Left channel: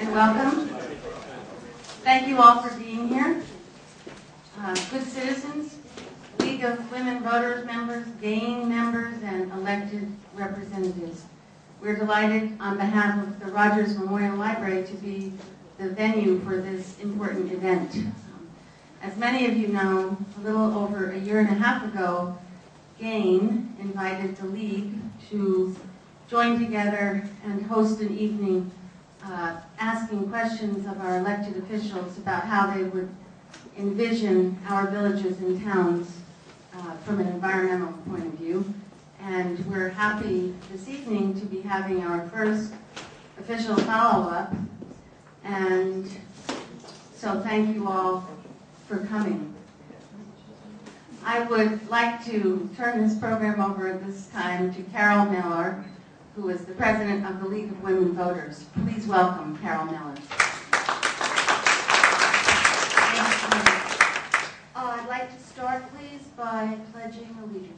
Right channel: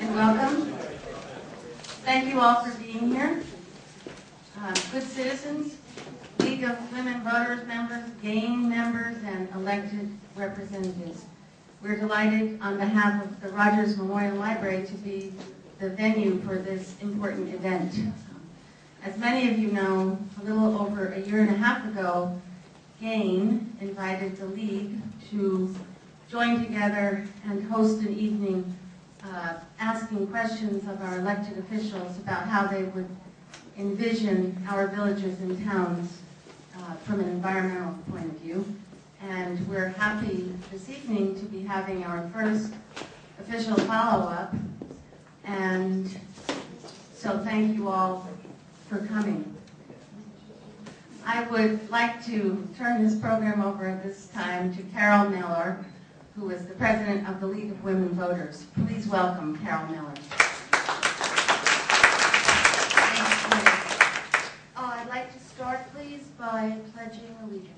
and welcome. Thank you all for being here. Good citizens, League of Women Voters members, GAIN members, and elected representatives. We're delighted on behalf of the Rogers Memorial Library to be the venue for this important event. As many of you know, a little over a year and a half ago, GAIN invited the League to join together and host an evening asking questions of our elected officials about how they would envision our villages and towns from an environmental point of view. And we're happy this evening to be having our first official follow-up. And so thank you all for coming. I would like to turn this program over at this time to Carol Miller, who is the president of the League of Women Voters. Please welcome Carol Miller. Thank you. I'd like to start, please, by pledging allegiance.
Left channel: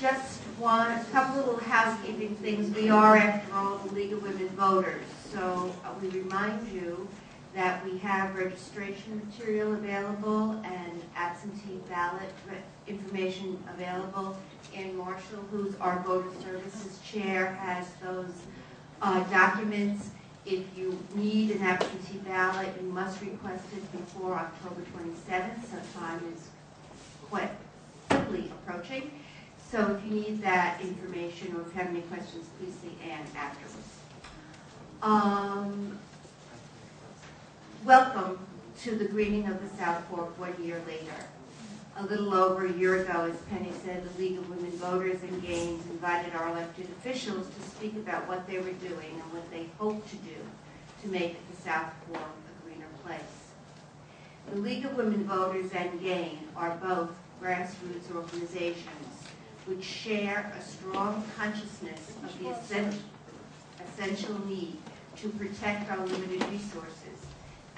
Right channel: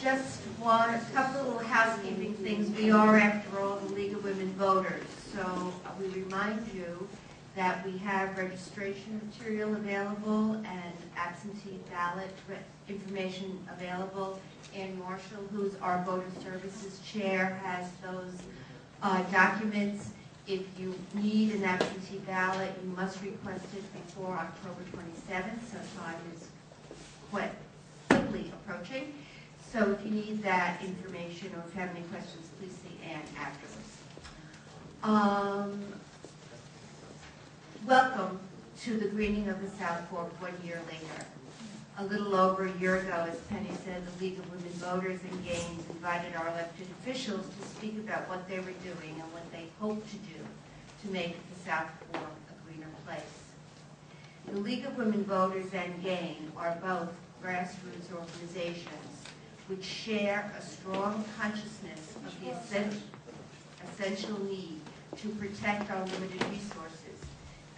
Just a couple little housekeeping things. We are, after all, the League of Women Voters, so we remind you that we have registration material available and absentee ballot information available. Ann Marshall, who's our Voter Services Chair, has those documents. If you need an absentee ballot, you must request it before October 27th, so time is quite quickly approaching. So if you need that information or if you have any questions, please see Ann afterwards. Welcome to the greening of the South Fork 1 year later. A little over a year ago, as Penny said, the League of Women Voters and GAIN invited our elected officials to speak about what they were doing and what they hope to do to make the South Fork a greener place. The League of Women Voters and GAIN are both grassroots organizations which share a strong consciousness of the essential need to protect our limited resources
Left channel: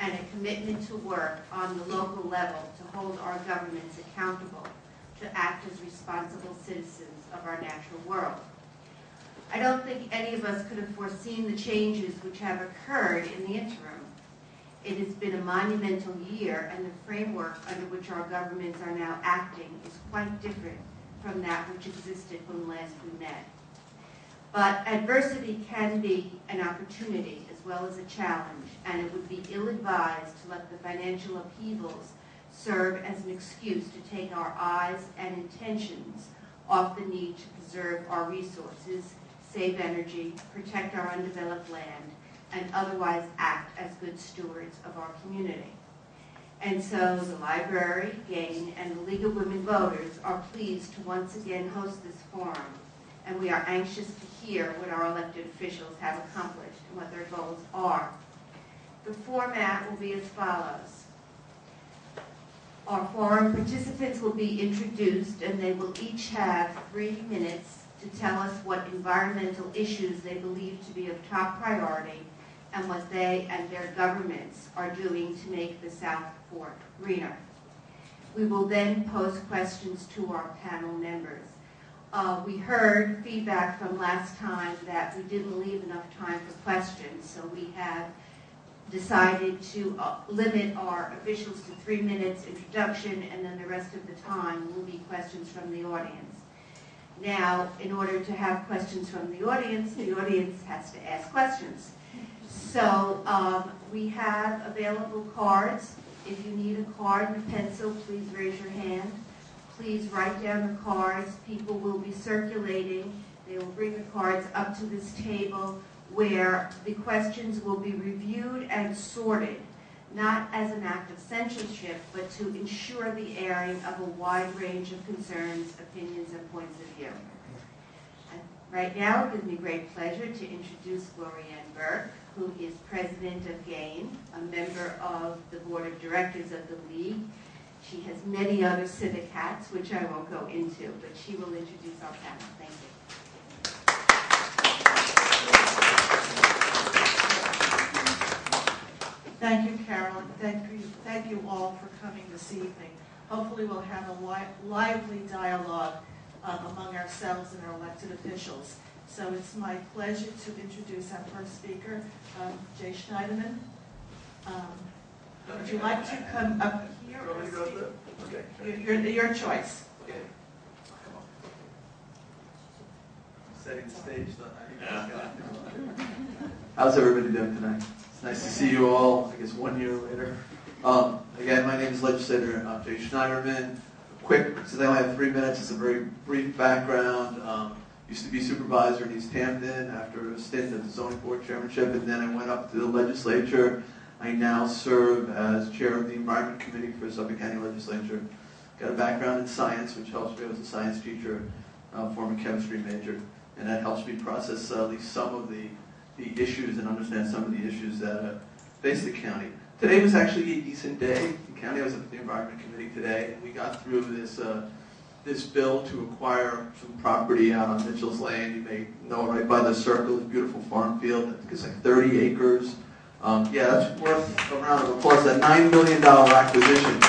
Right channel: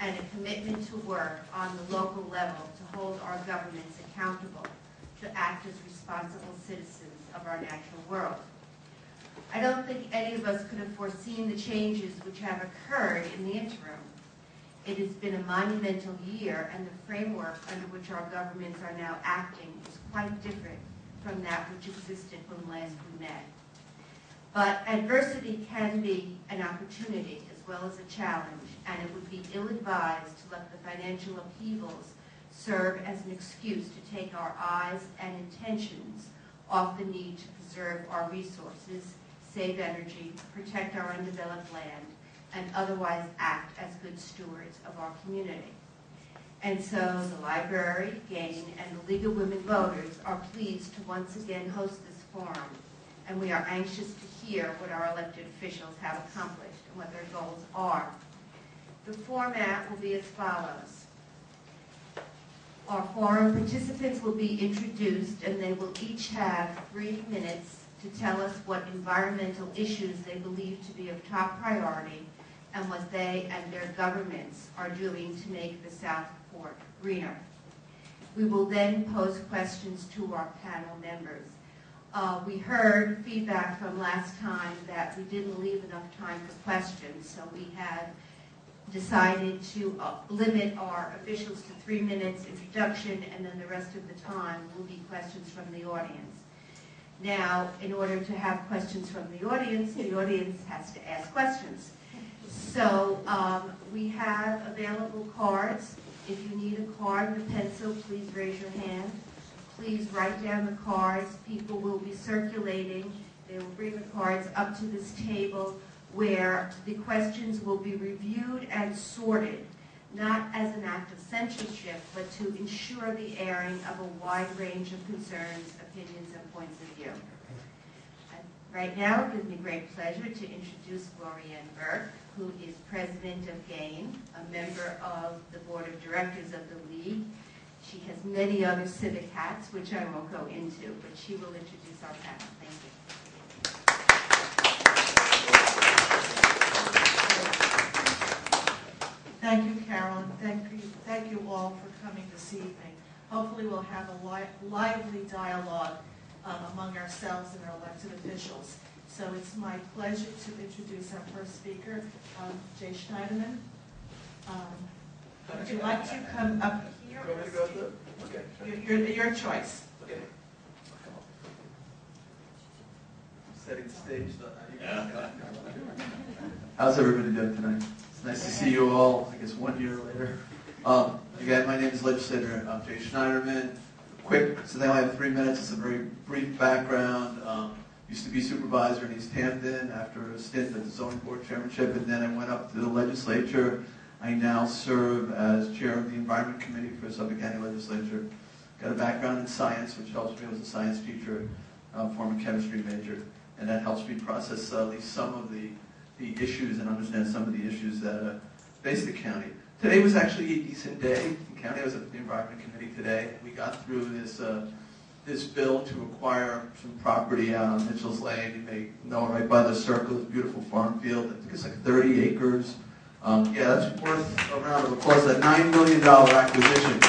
and a commitment to work on the local level to hold our governments accountable to act as responsible citizens of our natural world. I don't think any of us could have foreseen the changes which have occurred in the interim. It has been a monumental year, and the framework under which our governments are now acting is quite different from that which existed when last we met. But adversity can be an opportunity as well as a challenge, and it would be ill-advised to let the financial upheavals serve as an excuse to take our eyes and intentions off the need to preserve our resources, save energy, protect our undeveloped land, and otherwise act as good stewards of our community. And so the library, GAIN, and the League of Women Voters are pleased to once again host this forum, and we are anxious to hear what our elected officials have accomplished and what their goals are. The format will be as follows. Our forum participants will be introduced, and they will each have 3 minutes to tell us what environmental issues they believe to be of top priority and what they and their governments are doing to make the South Fork greener. We will then pose questions to our panel members. We heard feedback from last time that we didn't leave enough time for questions, so we have decided to limit our officials to 3 minutes introduction, and then the rest of the time will be questions from the audience. Now, in order to have questions from the audience has to ask questions. So we have available cards. If you need a card and a pencil, please raise your hand. Please write down the cards. People will be circulating. They will bring the cards up to this table where the questions will be reviewed and sorted, not as an act of censorship, but to ensure the airing of a wide range of concerns, opinions, and points of view. And right now, it gives me great pleasure to introduce Glorianne Burke, who is president of GAIN, a member of the board of directors of the League. She has many other civic hats, which I won't go into, but she will introduce our panel. Thank you. Thank you, Carolyn. Thank you all for coming this evening. Hopefully we'll have a lively dialogue among ourselves and our elected officials. So it's my pleasure to introduce our first speaker, Jay Schneiderman. Would you like to come up here? Okay. Your choice. Okay. Setting the stage. How's everybody doing tonight? It's nice to see you all, I guess 1 year later. Again, my name is Legislator Jay Schneiderman. Quick, so they only have 3 minutes. It's a very brief background. Used to be supervisor in East Hampton after a stint at the zoning board chairmanship, and then I went up to the legislature. I now serve as chair of the Environment Committee for Suffolk County Legislature. Got a background in science, which helps me. I was a science teacher, former chemistry major, and that helps me process at least some of the issues and understand some of the issues that face the county. Today was actually a decent day. The county was at the Environment Committee today, and we got through this bill to acquire some property out on Mitchell's Lane. You may know right by the circle, a beautiful farm field. I think it's like 30 acres. Yeah, that's worth a round of applause. A $9 million acquisition.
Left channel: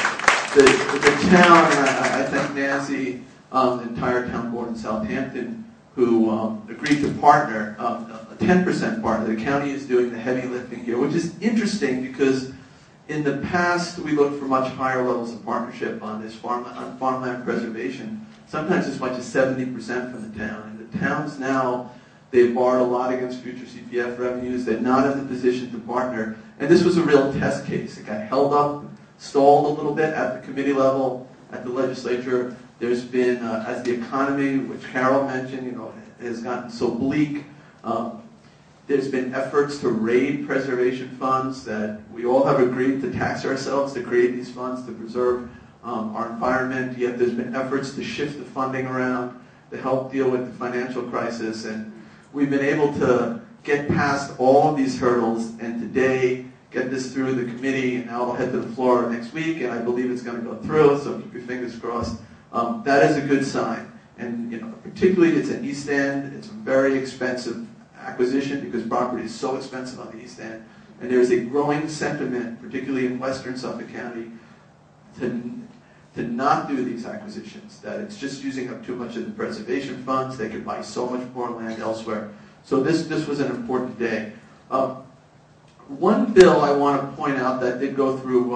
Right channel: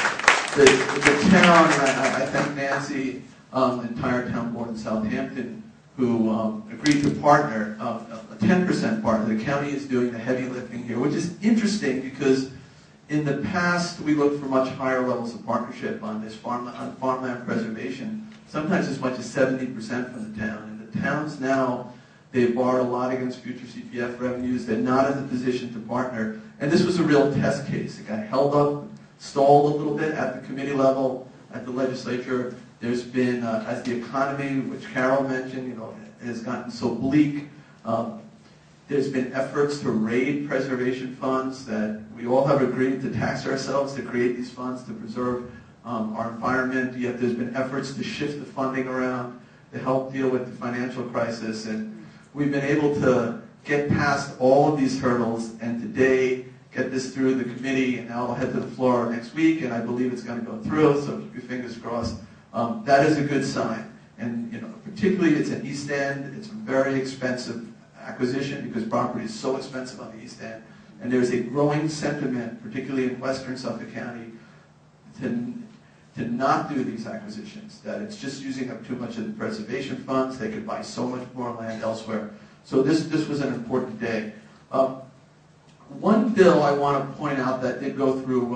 The town, and I thank Nancy, the entire town board in Southampton, who agreed to partner, a 10% partner. The county is doing the heavy lifting here, which is interesting because in the past we looked for much higher levels of partnership on this farmland preservation, sometimes as much as 70% from the town. And the towns now, they've borrowed a lot against future CPF revenues. They're not in the position to partner. And this was a real test case. It got held up, stalled a little bit at the committee level, at the legislature. There's been, as the economy, which Carol mentioned, has gotten so bleak, there's been efforts to raid preservation funds that we all have agreed to tax ourselves to create these funds to preserve our environment, yet there's been efforts to shift the funding around to help deal with the financial crisis, and we've been able to get past all of these hurdles, and today get this through the committee, and now it'll head to the floor next week, and I believe it's going to go through, so keep your fingers crossed. That is a good sign, and particularly it's an East End. It's a very expensive acquisition because property is so expensive on the East End, and there's a growing sentiment, particularly in western Suffolk County, to not do these acquisitions, that it's just using up too much of the preservation funds. They could buy so much more land elsewhere. So this was an important day. One bill I want to point out that did go through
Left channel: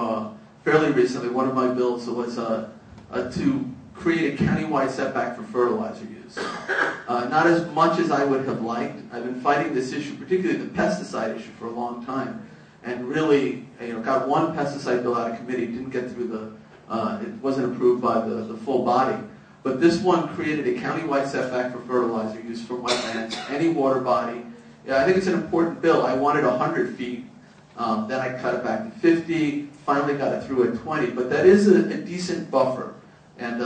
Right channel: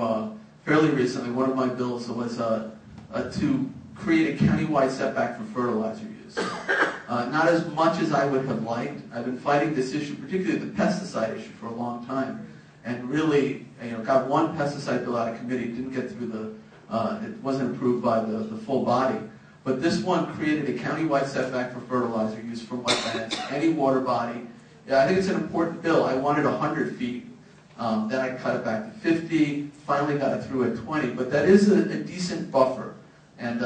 fairly recently, one of my bills was to create a countywide setback for fertilizer use. Not as much as I would have liked. I've been fighting this issue, particularly the pesticide issue, for a long time, and really, got one pesticide bill out of committee, didn't get through it wasn't approved by the full body. But this one created a countywide setback for fertilizer use from wetlands, any water body. I think it's an important bill. I wanted 100 feet. Then I cut it back to 50, finally got it through at 20. But that is a decent buffer. And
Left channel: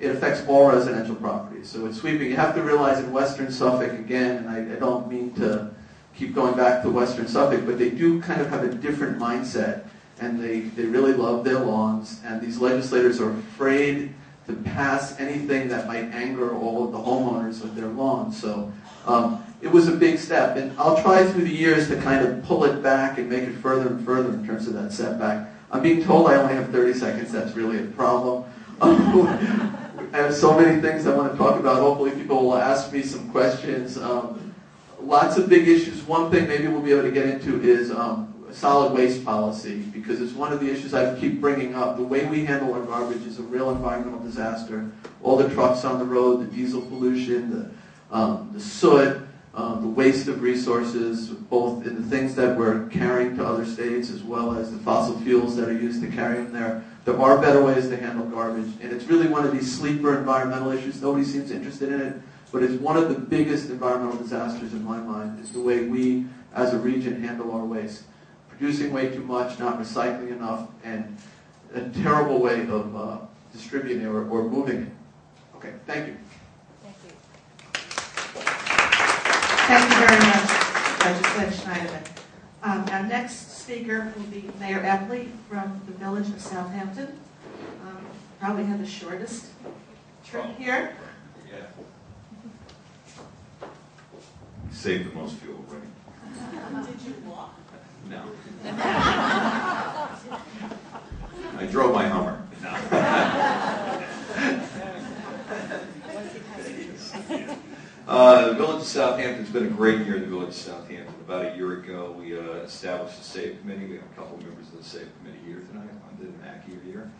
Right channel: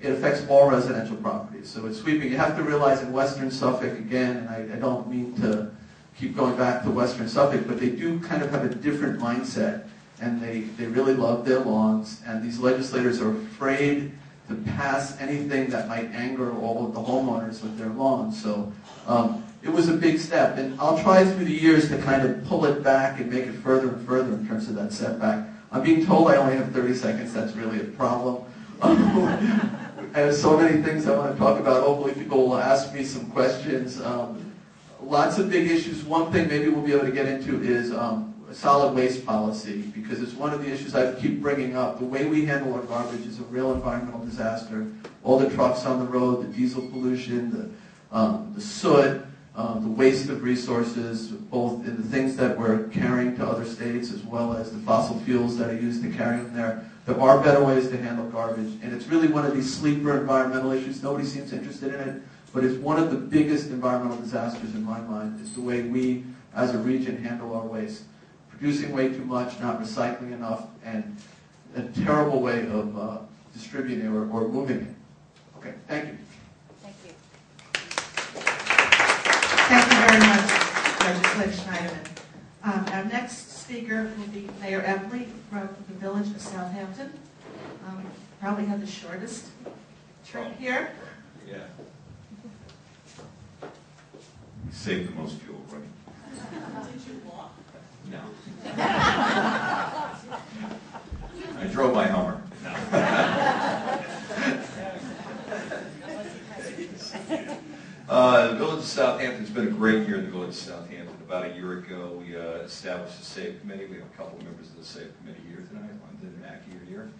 it affects all residential properties. So it's sweeping. You have to realize in western Suffolk, again, and I don't mean to keep going back to western Suffolk, but they do kind of have a different mindset. And they really love their lawns. And these legislators are afraid to pass anything that might anger all of the homeowners with their lawns. So it was a big step. And I'll try through the years to kind of pull it back and make it further and further in terms of that setback. I'm being told I only have 30 seconds. That's really a problem. I have so many things I want to talk about. Hopefully people will ask me some questions. Lots of big issues. One thing maybe we'll be able to get into is solid waste policy, because it's one of the issues I keep bringing up. The way we handle our garbage is a real environmental disaster. All the trucks on the road, the diesel pollution, the soot, the waste of resources, both in the things that we're carrying to other states as well as the fossil fuels that are used to carry them there. There are better ways to handle garbage, and it's really one of these sleeper environmental issues. Nobody seems interested in it, but it's one of the biggest environmental disasters in my mind, is the way we, as a region, handle our waste. Producing way too much, not recycling enough, and a terrible way of distributing it or moving it. Okay, thank you. Thank you. Thank you very much, Legislator Schneiderman. Our next speaker will be Mayor Epley from the Village of Southampton. probably have the shortest trip here. Yeah. Save the most fuel, right? Did you walk? No. I drove my Hummer. The Village of Southampton's been a great year in the Village of Southampton. About a year ago, we established a SAVE committee. We have a couple members of the SAVE committee here tonight on the NACI year.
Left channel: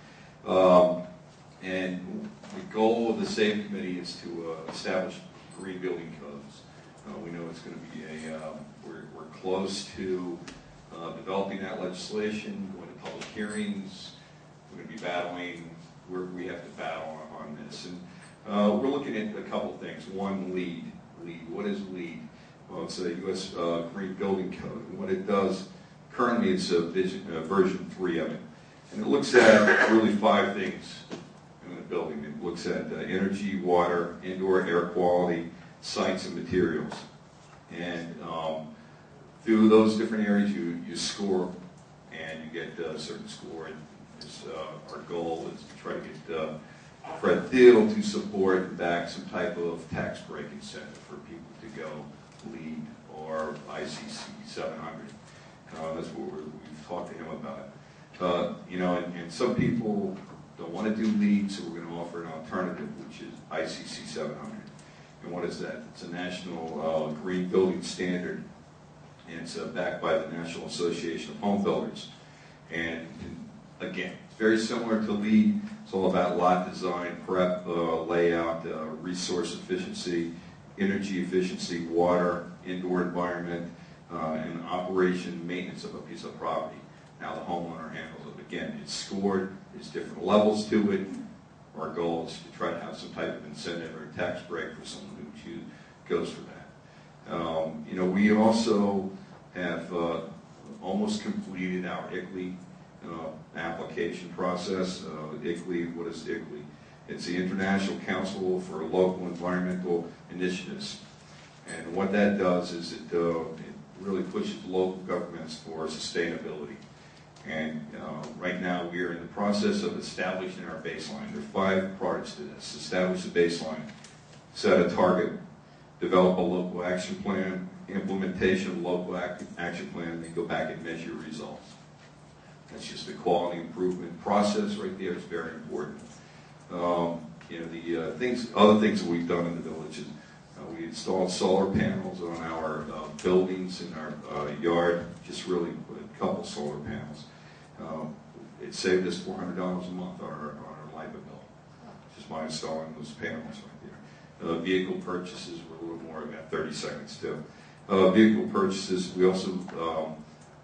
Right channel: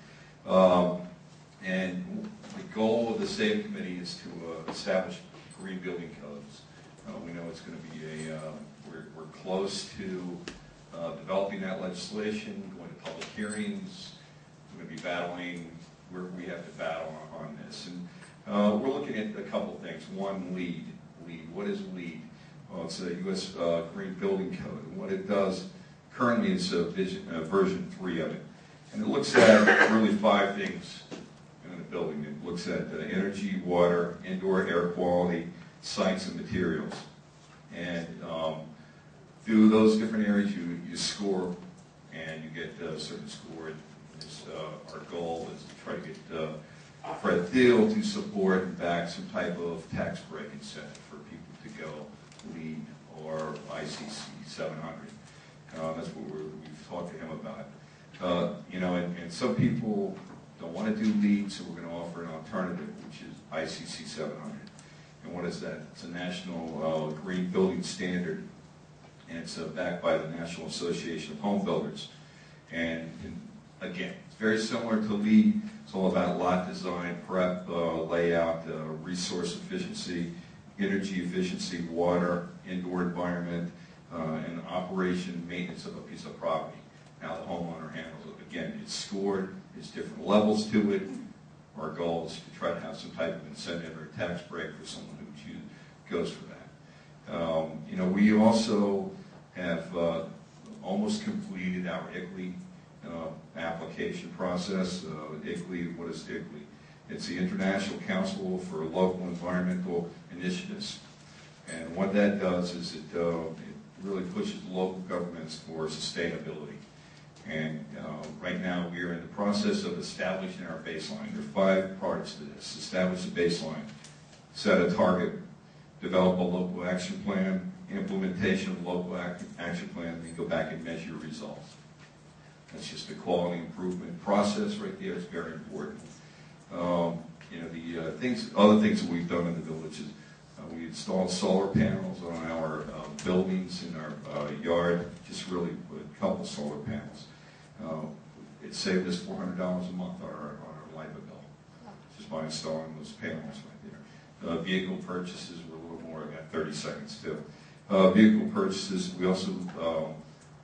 And the goal of the SAVE committee is to establish green building codes. We know it's going to be we're close to developing that legislation, going to public hearings. We're going to be battling where we have to battle on this. And we're looking at a couple things. One, LEED. What is LEED? Well, it's a U.S. Green Building Code. And what it does, currently it's version 3 of it. And it looks at really 5 things in the building. It looks at energy, water, indoor air quality, sites, and materials. And through those different areas, you score, and you get a certain score. And our goal is to try to get Fred Thiel to support and back some type of tax break incentive for people to go LEED or ICC 700. That's what we've talked to him about. And some people don't want to do LEED, so we're going to offer an alternative, which is ICC 700. And what is that? It's a national green building standard, and it's backed by the National Association of Home Builders. And again, it's very similar to LEED. It's all about lot design, prep, layout, resource efficiency, energy efficiency, water, indoor environment, and operation, maintenance of a piece of property. How the homeowner handles it. Again, it's scored. There's different levels to it. Our goal is to try to have some type of incentive or tax break for someone who goes for that. We also have almost completed our ICLEI application process. ICLEI, what is ICLEI? It's the International Council for Local Environmental Initiatives. And what that does is it really pushes local governments for sustainability. And right now we are in the process of establishing our baseline. There are 5 parts to this. Establish a baseline, set a target, develop a local action plan, implementation of local action plan, and then go back and measure results. That's just a quality improvement process right there. It's very important. Other things that we've done in the village is we installed solar panels on our buildings in our yard, just really put a couple solar panels. It saved us $400 a month on our light bill, just by installing those panels right there. Vehicle purchases were a little more, I got 30 seconds too. Vehicle purchases, we also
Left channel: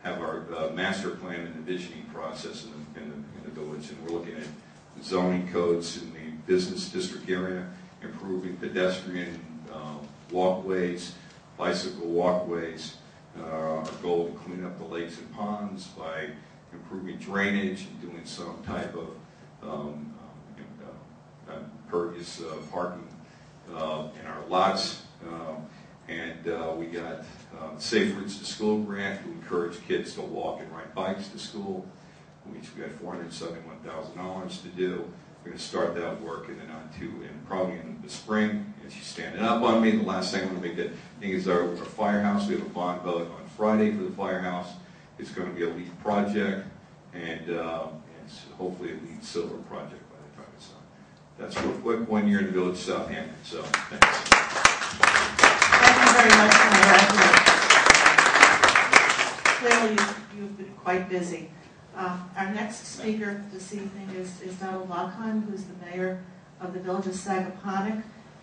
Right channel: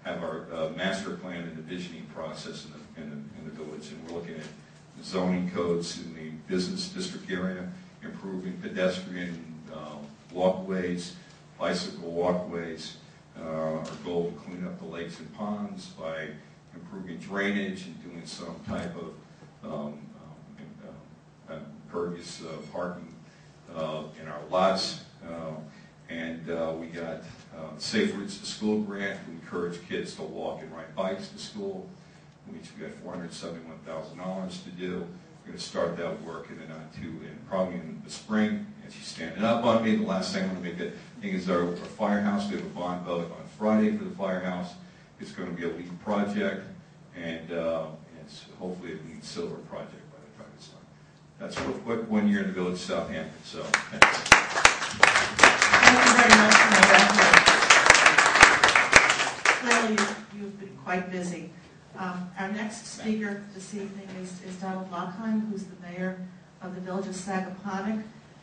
have our master plan and envisioning process in the village, and we're looking at zoning codes in the business district area, improving pedestrian walkways, bicycle walkways. Our goal to clean up the lakes and ponds by improving drainage and doing some type of impervious parking in our lots. We got Safe Routes to School grant to encourage kids to walk and ride bikes to school, which we got $471,000 to do. We're going to start that work and probably in the spring. And she's standing up on me. The last thing I'm going to make it thing is our firehouse. We have a bond vote on Friday for the firehouse. It's going to be a LEED project, and it's hopefully a LEED silver project by the time it's done. That's real quick. 1 year in the village of Southampton. So thanks. Thank you very much for that. Clearly, you've been quite busy. Our next speaker this evening is Donald Lockheim, who's the mayor of the village of Sagaponack,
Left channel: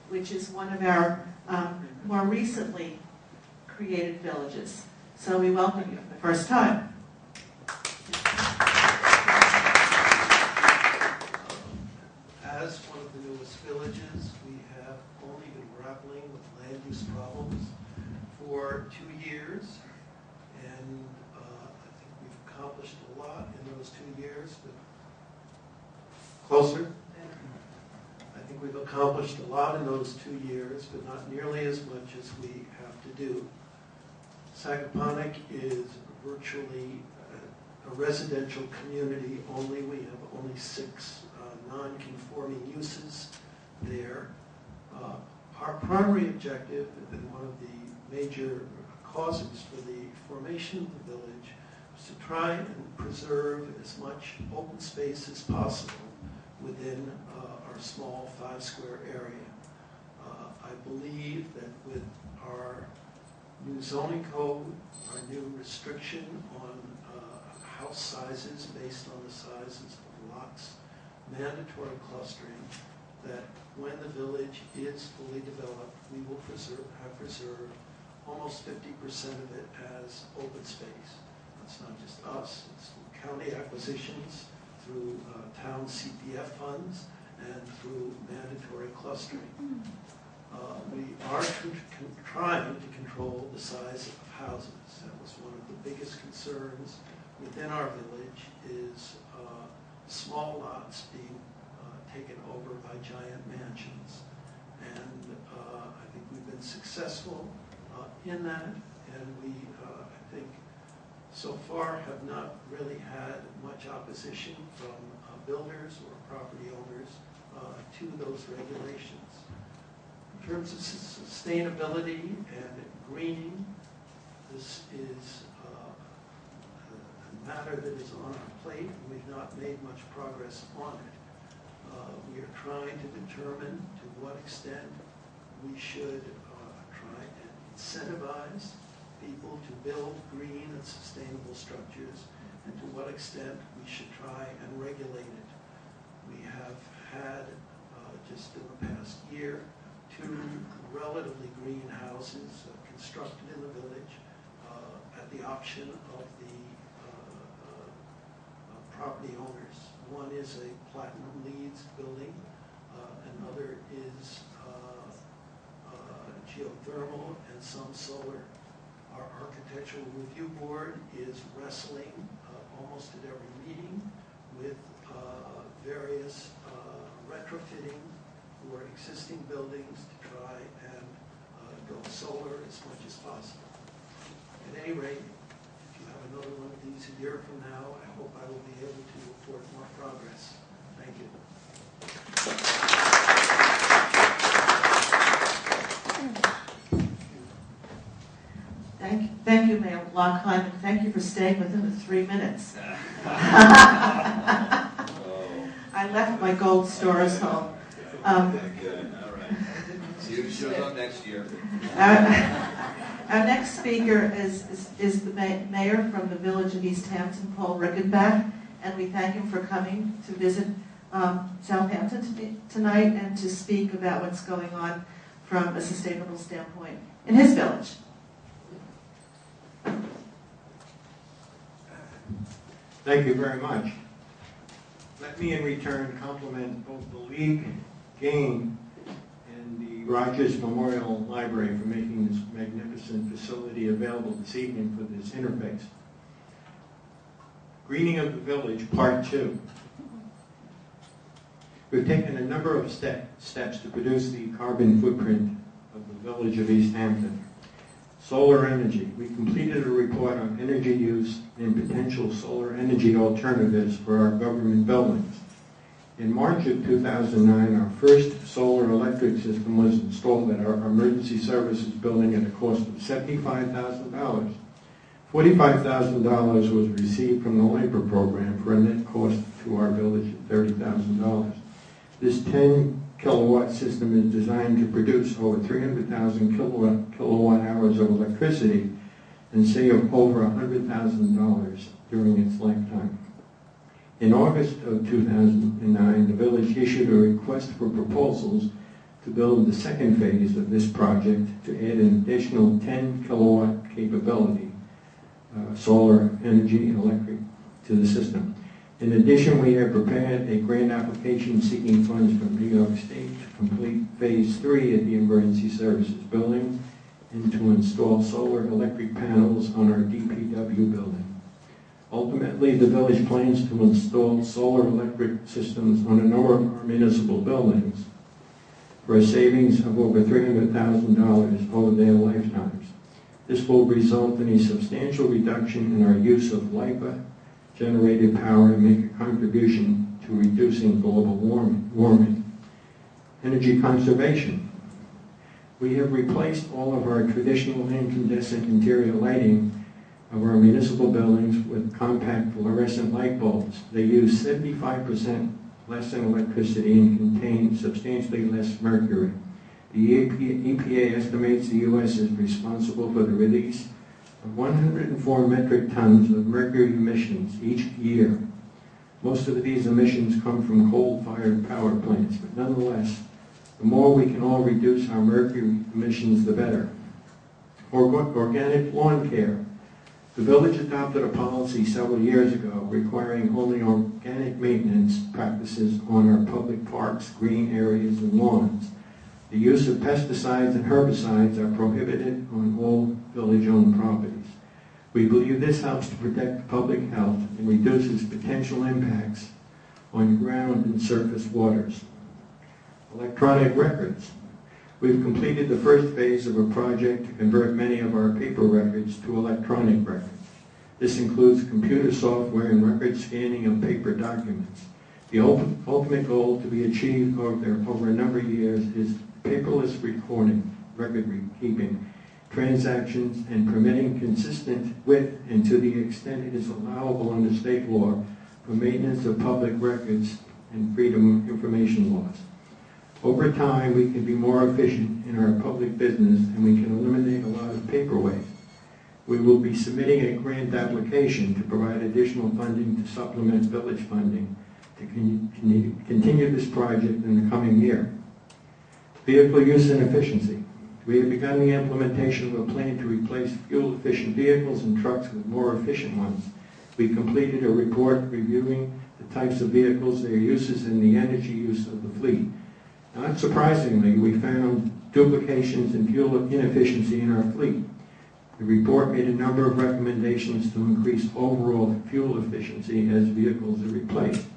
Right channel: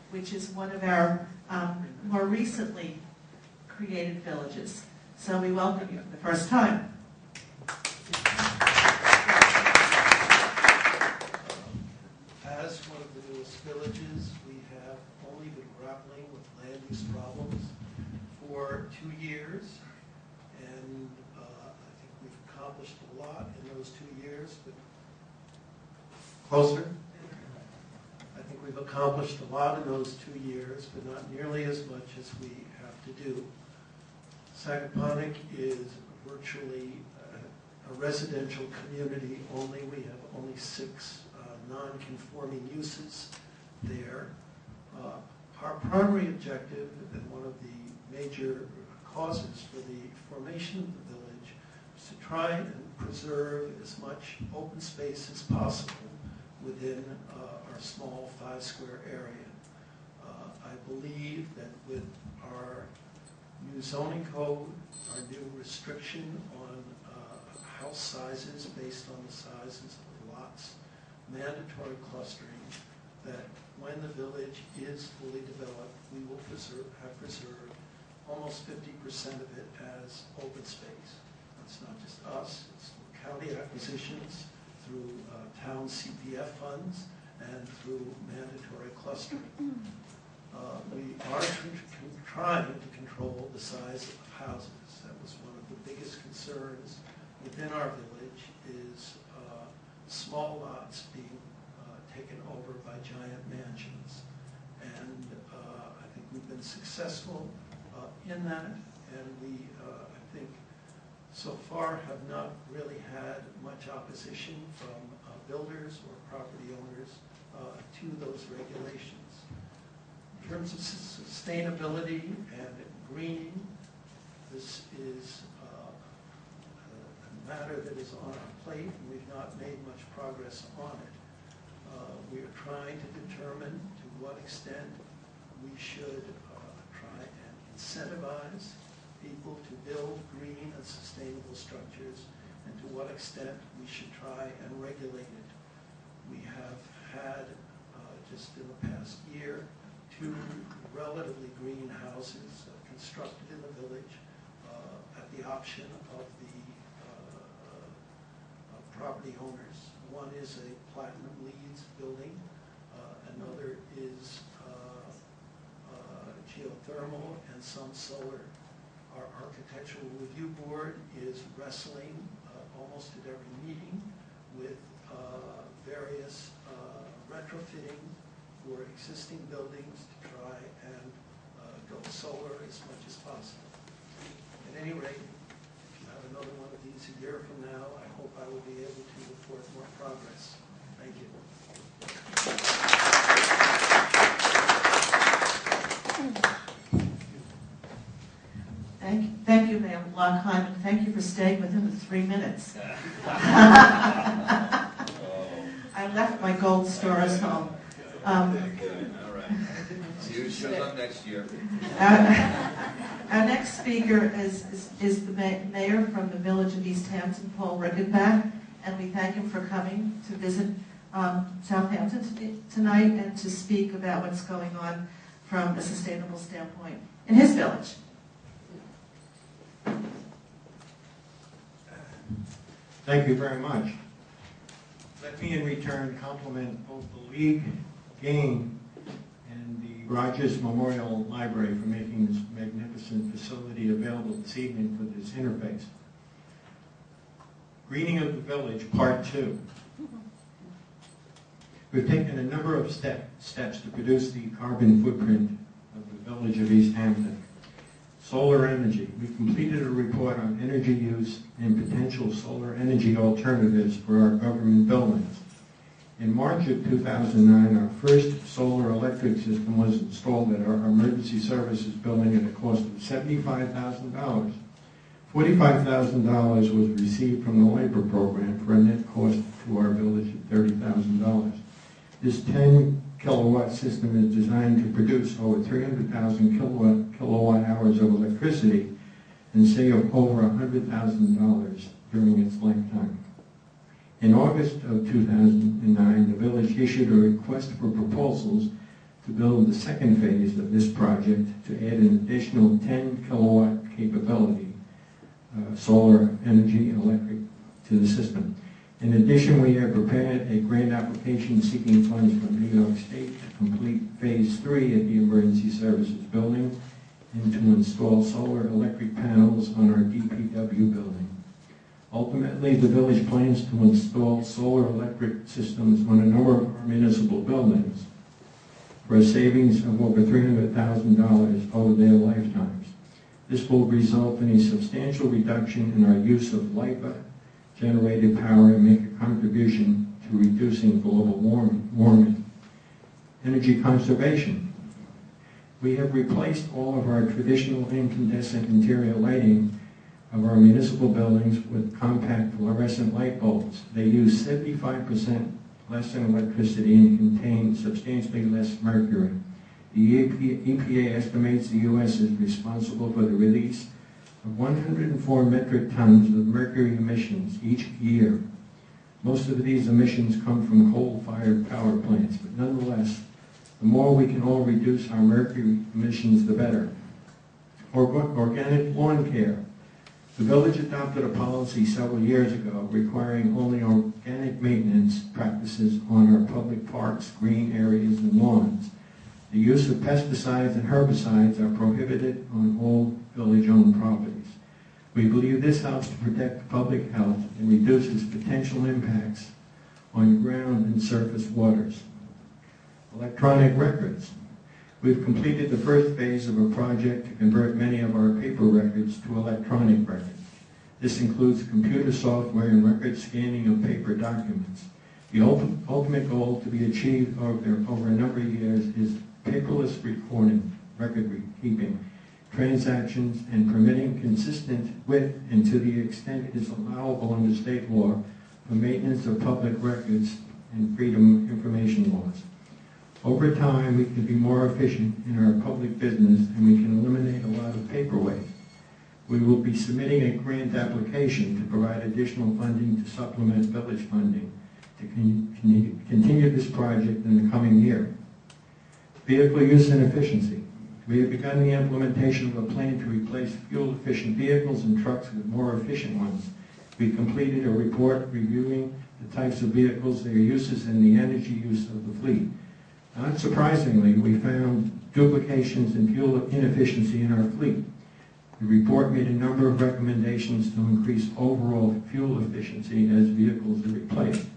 which is one of our more recently created villages. So we welcome you for the first time. As one of the newest villages, we have only been grappling with land use problems for 2 years, and I think we've accomplished a lot in those 2 years. But closer? I think we've accomplished a lot in those 2 years, but not nearly as much as we have to do. Sagaponack is virtually a residential community only. We have only 6 non-conforming uses there. Our primary objective and one of the major causes for the formation of the village is to try and preserve as much open space as possible within our small 5-square area. I believe that with our new zoning code, our new restriction on house sizes based on the sizes of lots, mandatory clustering, that when the village is fully developed, we will have preserved almost 50% of it as open space. It's not just us, it's county acquisitions through town CPF funds and through mandatory clustering. We are trying to control the size of houses. That was one of the biggest concerns within our village, is small lots being taken over by giant mansions. And I think we've been successful in that, and we, I think, so far have not really had much opposition from builders or property owners to those regulations. In terms of sustainability and greening, this is a matter that is on our plate, and we've not made much progress on it. We are trying to determine to what extent we should try and incentivize people to build green and sustainable structures, and to what extent we should try and regulate it. We have had, just in the past year, 2 relatively green houses constructed in the village at the option of the property owners. One is a Platinum LEED building, another is geothermal and some solar. Our architectural review board is wrestling almost at every meeting with various retrofitting for existing buildings to try and go solar as much as possible. At any rate, if you have another one of these a year from now, I hope I will be able to report more progress. Thank you. Thank you, Mayor Lockhart, and thank you for staying within the 3 minutes. I left my gold stars home. All right. See you shows up next year. Our next speaker is the mayor from the village of East Hampton, Paul Rickenbach, and we thank him for coming to visit Southampton tonight and to speak about what's going on from a sustainable standpoint in his village. Thank you very much. Let me in return compliment both the League, GAIN, and the Rogers Memorial Library for making this magnificent facility available this evening for this interface. Greening of the Village, Part 2. We've taken a number of steps to reduce the carbon footprint of the village of East Hampton. Solar energy. We completed a report on energy use and potential solar energy alternatives for our government buildings. In March of 2009, our first solar electric system was installed at our emergency services building at a cost of $75,000. $45,000 was received from the labor program for a net cost to our village of $30,000. This 10 kilowatt system is designed to produce over 300,000 kilowatt hours of electricity and save over $100,000 during its lifetime. In August of 2009, the village issued a request for proposals to build the second phase of this project to add an additional 10 kilowatt capability, solar energy and electric, to the system. In addition, we have prepared a grant application seeking funds from New York State to complete Phase 3 at the Emergency Services Building and to install solar electric panels on our DPW building. Ultimately, the village plans to install solar electric systems on a number of our municipal buildings for a savings of over $300,000 over their lifetimes. This will result in a substantial reduction in our use of LIPA generated power and make a contribution to to reducing global warming. Energy conservation. We have replaced all of our traditional incandescent interior lighting of our municipal buildings with compact fluorescent light bulbs. They use 75% less in electricity and contain substantially less mercury. The EPA estimates the U.S. is responsible for the release of 104 metric tons of mercury emissions each year. Most of these emissions come from coal-fired power plants, but nonetheless, the more we can all reduce our mercury emissions, the better. Organic lawn care. The village adopted a policy several years ago requiring only organic maintenance practices on our public parks, green areas, and lawns. The use of pesticides and herbicides are prohibited on all village-owned properties. We believe this helps to protect public health and reduces potential impacts on ground and surface waters. Electronic records. We've completed the first phase of a project to convert many of our paper records to electronic records. This includes computer software and record scanning of paper documents. The ultimate goal to be achieved over a number of years is paperless record keeping, transactions, and permitting consistent with and to the extent it is allowable under state law for maintenance of public records and freedom of information laws. Over time, we can be more efficient in our public business and we can eliminate a lot of paper waste. We will be submitting a grant application to provide additional funding to supplement village funding to continue this project in the coming year. Vehicle use and efficiency. We have begun the implementation of a plan to replace fuel-efficient vehicles and trucks with more efficient ones. We completed a report reviewing the types of vehicles, their uses, and the energy use of the fleet. Not surprisingly, we found duplications and fuel inefficiency in our fleet. The report made a number of recommendations to increase overall fuel efficiency as vehicles are replaced.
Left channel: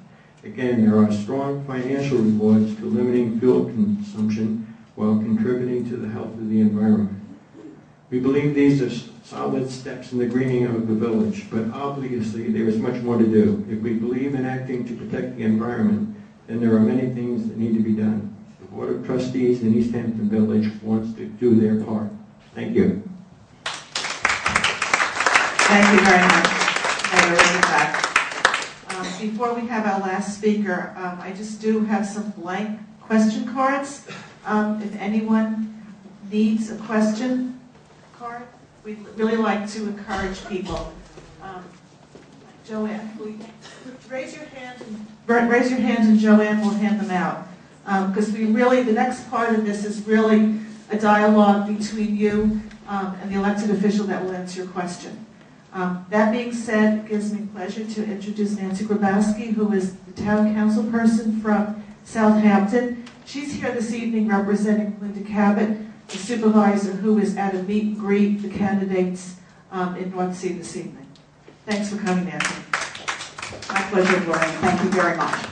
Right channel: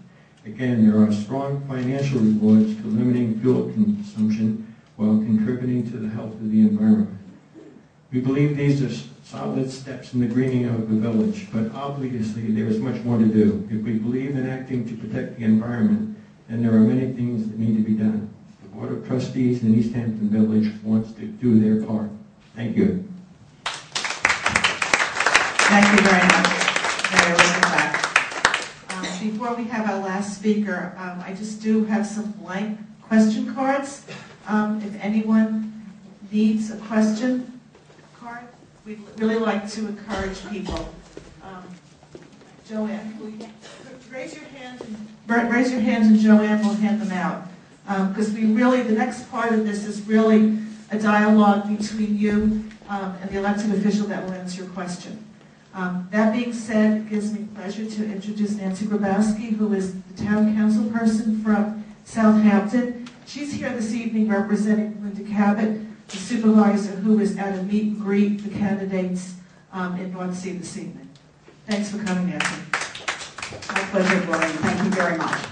Again, there are strong financial rewards to limiting fuel consumption while contributing to the health of the environment. We believe these are solid steps in the greening of the village, but obviously there is much more to do. If we believe in acting to protect the environment, then there are many things that need to be done. The Board of Trustees in East Hampton Village wants to do their part. Thank you. Thank you very much, Mayor Rosenbach. Before we have our last speaker, I just do have some blank question cards. If anyone needs a question card, we'd really like to encourage people. Joanne, raise your hands and Joanne will hand them out. Because the next part of this is really a dialogue between you and the elected official that will answer your question. That being said, it gives me pleasure to introduce Nancy Grabowski, who is the town council person from Southampton. She's here this evening representing Linda Cabot, the supervisor who is at a meet and greet the candidates in North Sea this evening. Thanks for coming, Nancy. My pleasure, Gloria. Thank you very much.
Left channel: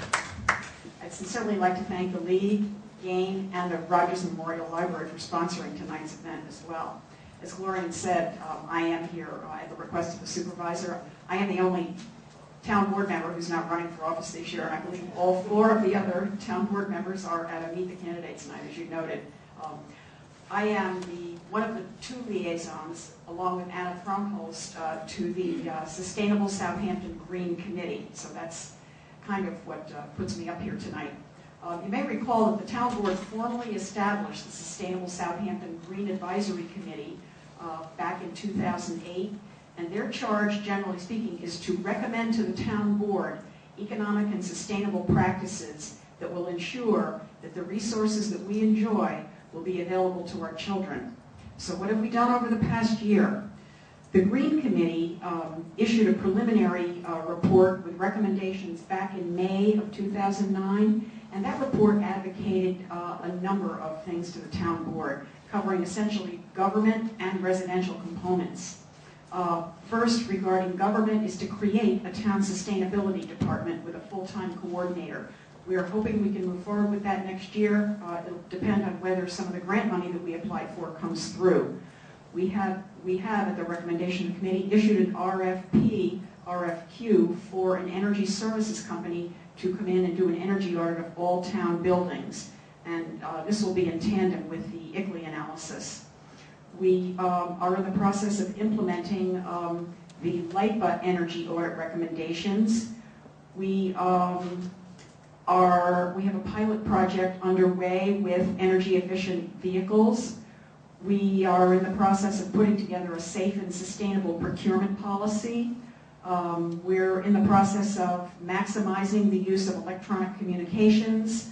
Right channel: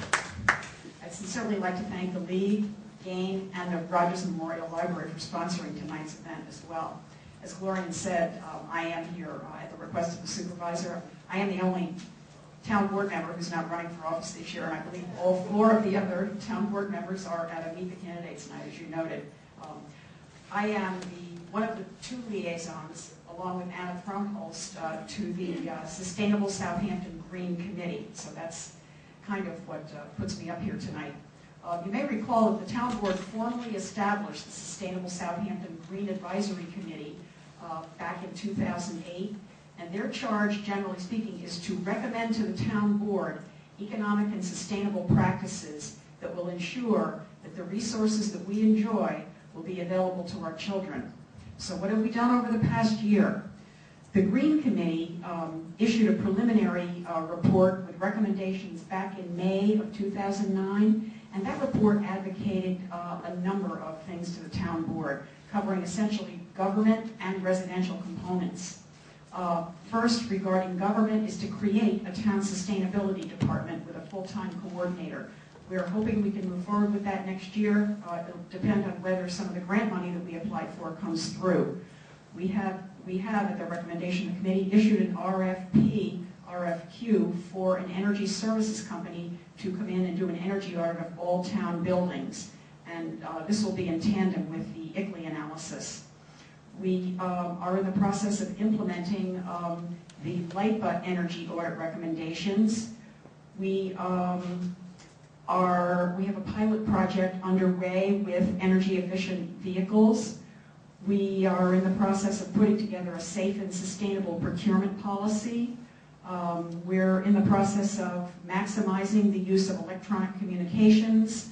I'd sincerely like to thank the League, GAIN, and the Rogers Memorial Library for sponsoring tonight's event as well. As Gloria said, I am here at the request of the supervisor. I am the only town board member who's not running for office this year, and I believe all 4 of the other town board members are at a Meet the Candidates night, as you noted. I am one of the 2 liaisons, along with Anna Fromholst, to the Sustainable Southampton Green Committee. So that's kind of what puts me up here tonight. You may recall that the town board formally established the Sustainable Southampton Green Advisory Committee back in 2008, and their charge, generally speaking, is to recommend to the town board economic and sustainable practices that will ensure that the resources that we enjoy will be available to our children. So what have we done over the past year? The Green Committee issued a preliminary report with recommendations back in May of 2009, and that report advocated a number of things to the town board, covering essentially government and residential components. First, regarding government, is to create a town sustainability department with a full-time coordinator. We are hoping we can move forward with that next year. It'll depend on whether some of the grant money that we applied for comes through. We have, at the recommendation of the committee, issued an RFQ for an energy services company to come in and do an energy audit of all town buildings. And this will be in tandem with the ICLEI analysis. We are in the process of implementing the LIPA energy audit recommendations. We have a pilot project underway with energy efficient vehicles. We are in the process of putting together a safe and sustainable procurement policy. We're in the process of maximizing the use of electronic communications.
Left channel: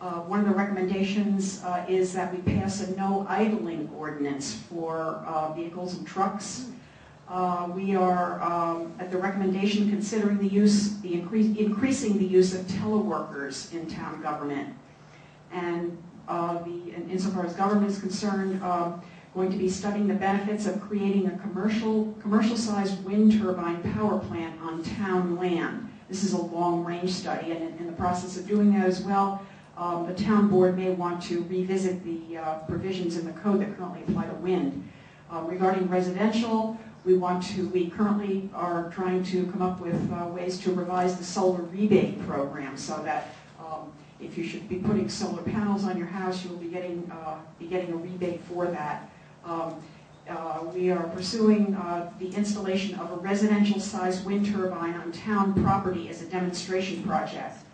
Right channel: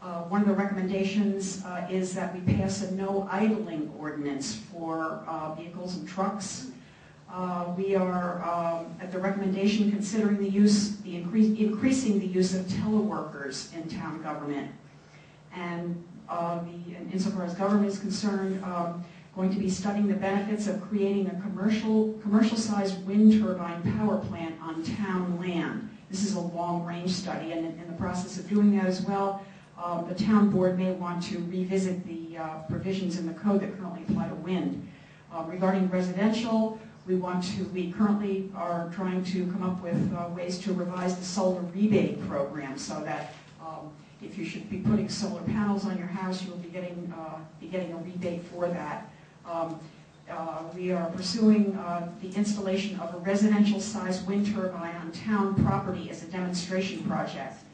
One of the recommendations is that we pass a no idling ordinance for vehicles and trucks. We are, at the recommendation, considering increasing the use of teleworkers in town government. And insofar as government is concerned, going to be studying the benefits of creating a commercial-sized wind turbine power plant on town land. This is a long-range study, and in the process of doing that as well, the town board may want to revisit the provisions in the code that currently apply to wind. Regarding residential, we currently are trying to come up with ways to revise the solar rebate program so that if you should be putting solar panels on your house, you'll be getting a rebate for that. We are pursuing the installation of a residential-sized wind turbine on town property as a demonstration project.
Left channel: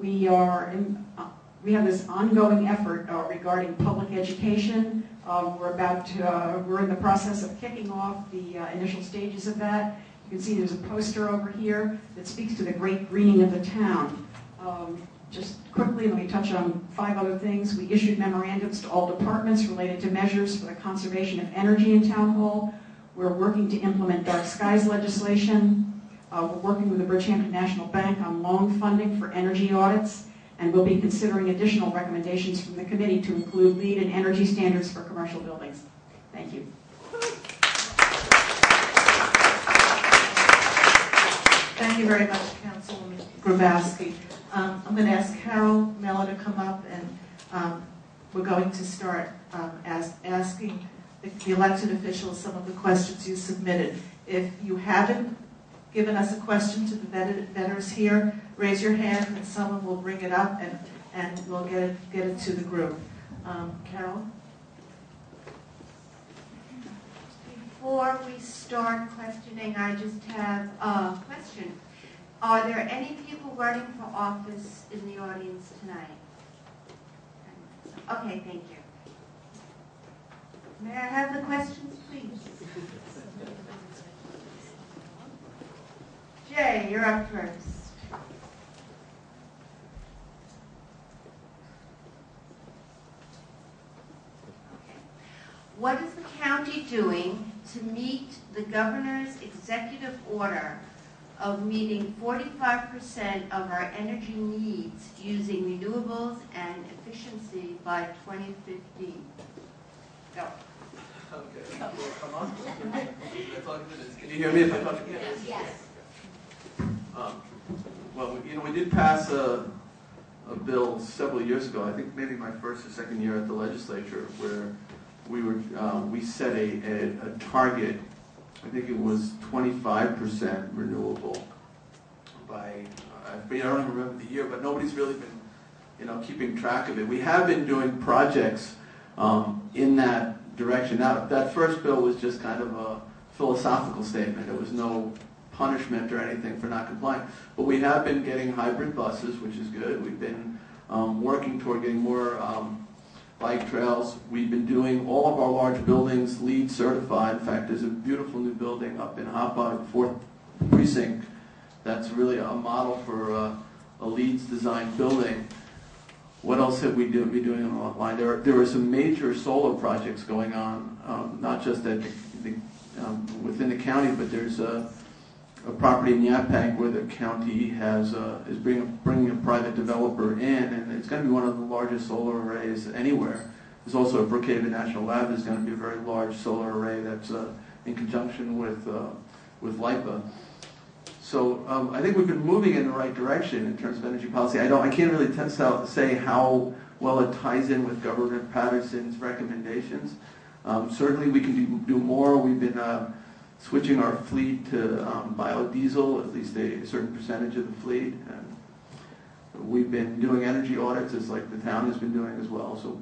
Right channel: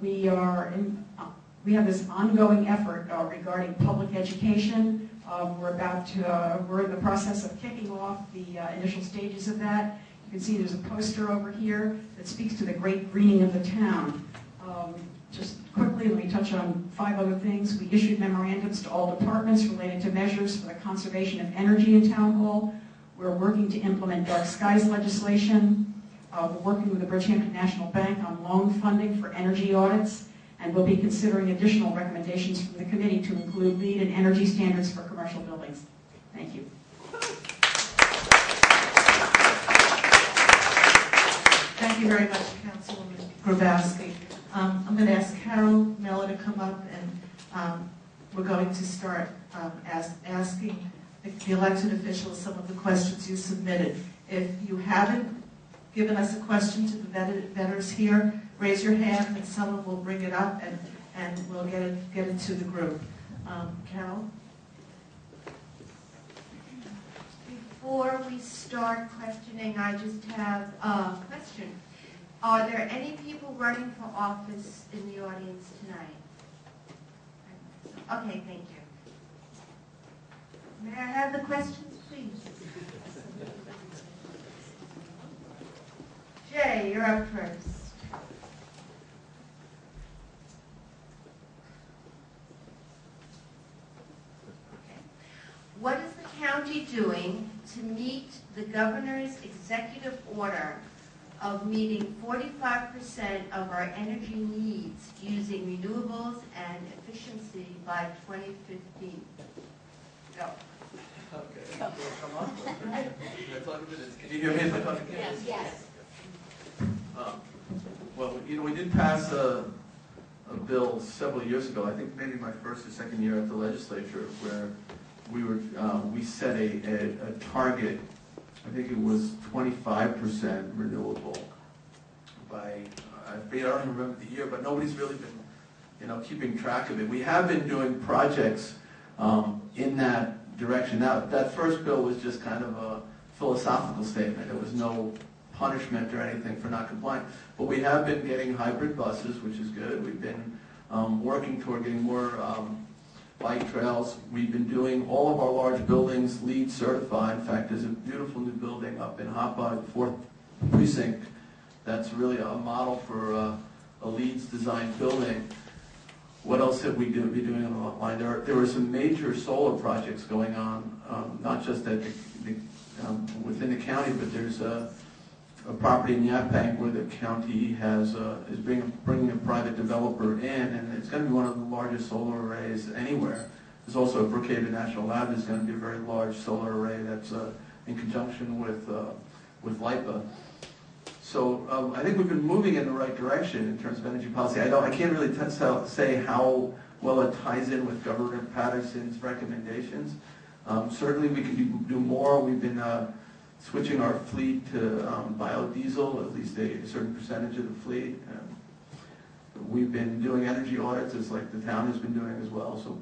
We have this ongoing effort regarding public education. We're in the process of kicking off the initial stages of that. You can see there's a poster over here that speaks to the great greening of the town. Just quickly, let me touch on 5 other things. We issued memorandums to all departments related to measures for the conservation of energy in Town Hall. We're working to implement dark skies legislation. We're working with the Bridgehampton National Bank on loan funding for energy audits, and we'll be considering additional recommendations from the committee to include LEED and energy standards for commercial buildings. Thank you. Thank you very much, Councilwoman Grabowski. I'm going to ask Carol Mello to come up, and we're going to start asking the elected officials some of the questions you submitted. If you haven't given us a question to the vetters here, raise your hand and someone will bring it up, and we'll get it to the group. Carol? Before we start questioning, I just have a question. Are there any people running for office in the audience tonight? Okay, thank you. May I have the questions, please? Jay, you're up first. What is the county doing to meet the governor's executive order of meeting 45% of our energy needs using renewables and efficiency by 2015? Go. Okay. Come on. Can you hear me if I talk again? Yes. Well, we did pass a bill several years ago. I think maybe my first or second year at the legislature, where we set a target. I think it was 25% renewable by, I don't remember the year, but nobody's really been, keeping track of it. We have been doing projects in that direction. Now, that first bill was just kind of a philosophical statement. There was no punishment or anything for not complying. But we have been getting hybrid buses, which is good. We've been working toward getting more bike trails. We've been doing all of our large buildings LEED certified. In fact, there's a beautiful new building up in Hauppauge, 4th Precinct, that's really a model for a LEED's designed building. What else have we been doing on the line? There are some major solar projects going on, not just at within the county, but there's a property in Yaphank where the county is bringing a private developer in, and it's going to be one of the largest solar arrays anywhere. There's also a Brookhaven National Lab. There's going to be a very large solar array that's in conjunction with LIPA. So I think we've been moving in the right direction in terms of energy policy. I can't really say how well it ties in with Governor Patterson's recommendations. Certainly we can do more. We've been switching our fleet to biodiesel, at least a certain percentage of the fleet. And We've been doing energy audits, as like the town has been doing as well. So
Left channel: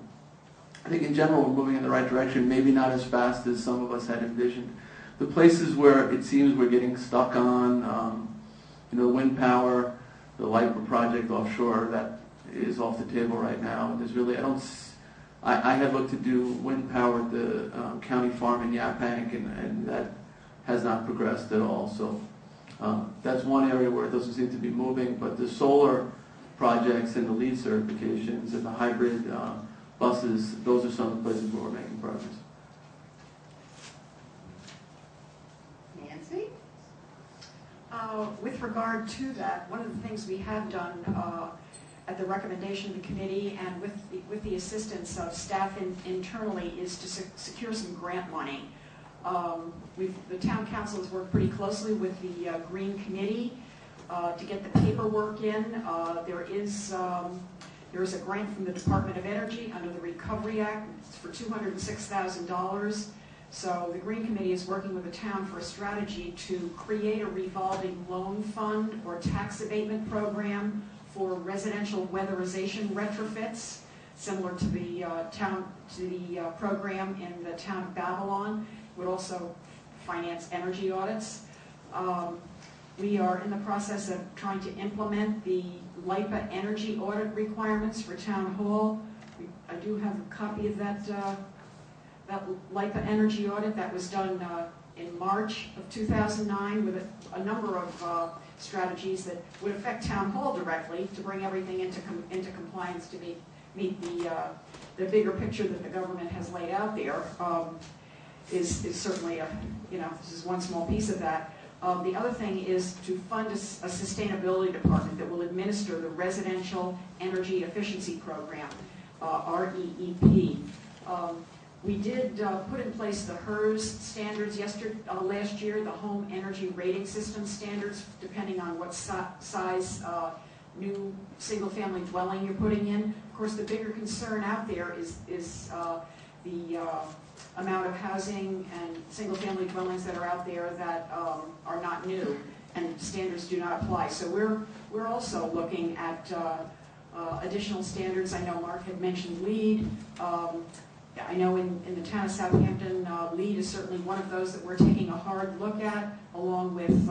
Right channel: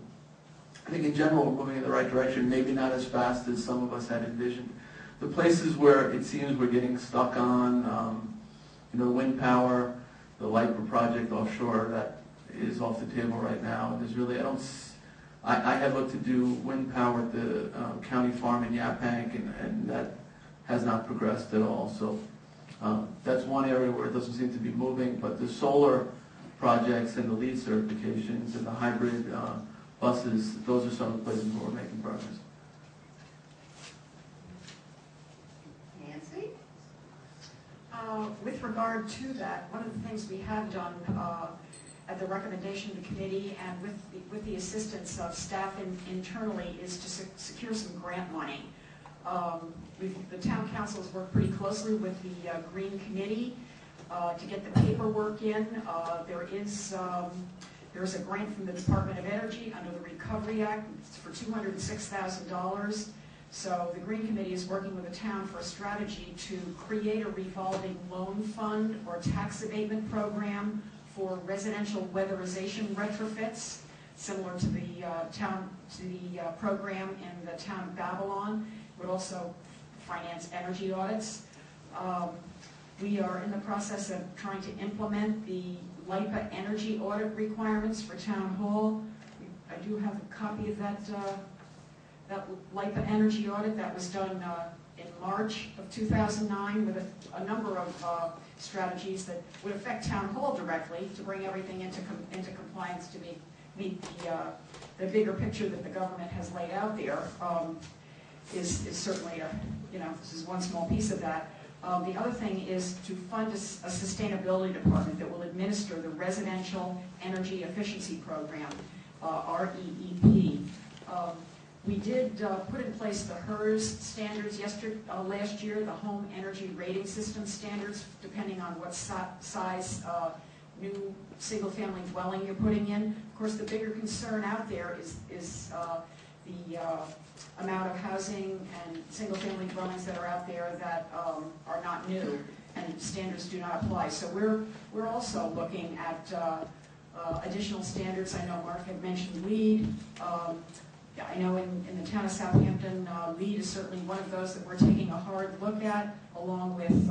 I think in general we're moving in the right direction, maybe not as fast as some of us had envisioned. The places where it seems we're getting stuck on, wind power, the LIPA project offshore, that is off the table right now. There's really, I had looked to do wind power at the county farm in Yaphank, and that has not progressed at all. So that's one area where it doesn't seem to be moving, but the solar projects and the LEED certifications and the hybrid buses, those are some of the places where we're making progress. Nancy? With regard to that, one of the things we have done at the recommendation of the committee and with the assistance of staff internally is to secure some grant money. The town council has worked pretty closely with the Green Committee to get the paperwork in. There is a grant from the Department of Energy under the Recovery Act. It's for $206,000. So the Green Committee is working with the town for a strategy to create a revolving loan fund or tax abatement program for residential weatherization retrofits, similar to the program in the town of Babylon. It would also finance energy audits. We are in the process of trying to implement the LIPA energy audit requirements for Town Hall. I do have a copy of that LIPA energy audit that was done in March of 2009 with a number of strategies that would affect Town Hall directly to bring everything into compliance to meet the bigger picture that the government has laid out there. Is certainly this is one small piece of that. The other thing is to fund a sustainability department that will administer the Residential Energy Efficiency Program, REEP. We did put in place the HERS standards last year, the Home Energy Rating System standards, depending on what size new single-family dwelling you're putting in. Of course, the bigger concern out there is the amount of housing and single-family dwellings that are out there that are not new, and standards do not apply. So we're also looking at additional standards. I know Mark had mentioned LEED. I know in the town of Southampton, LEED is certainly one of those that we're taking a hard look at, along with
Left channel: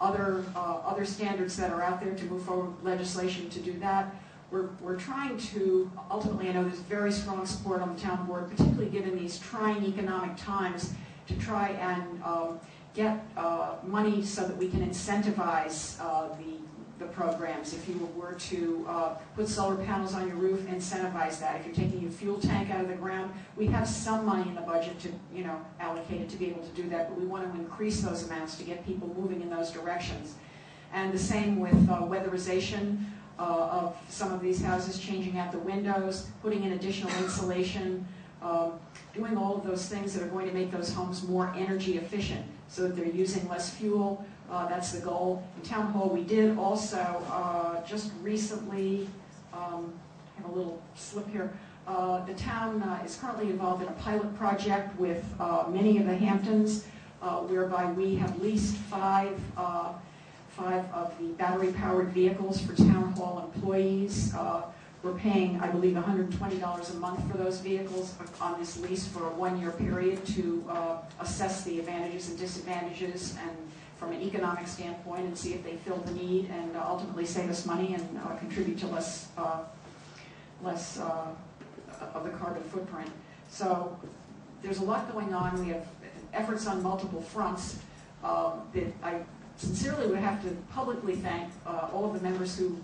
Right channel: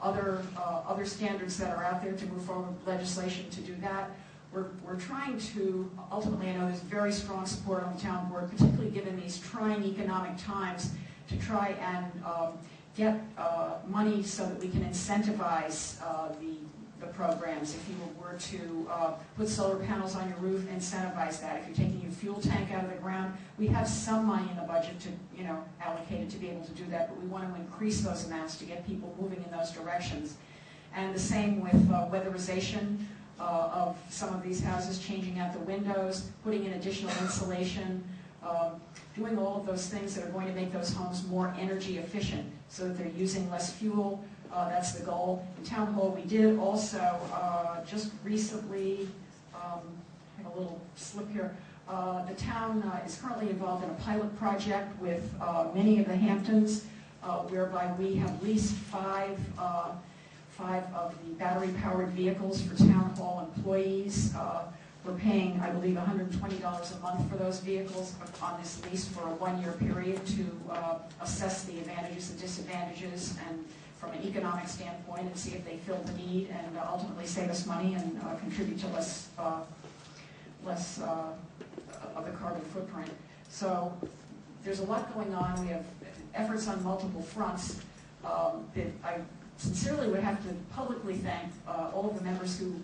other standards that are out there to move forward with legislation to do that. We're trying to, ultimately, I know there's very strong support on the town board, particularly given these trying economic times, to try and get money so that we can incentivize the programs. If you were to put solar panels on your roof, incentivize that. If you're taking your fuel tank out of the ground, we have some money in the budget to, allocated to be able to do that, but we want to increase those amounts to get people moving in those directions. And the same with weatherization of some of these houses, changing out the windows, putting in additional insulation, doing all of those things that are going to make those homes more energy efficient so that they're using less fuel. That's the goal. In Town Hall, we did also just recently, I have a little slip here, the town is currently involved in a pilot project with many of the Hamptons, whereby we have leased five of the battery-powered vehicles for Town Hall employees. We're paying, I believe, $120 a month for those vehicles on this lease for a one-year period to assess the advantages and disadvantages and from an economic standpoint and see if they fill the need and ultimately save us money and contribute to less of the carbon footprint. So there's a lot going on. We have efforts on multiple fronts that I sincerely would have to publicly thank all of the members who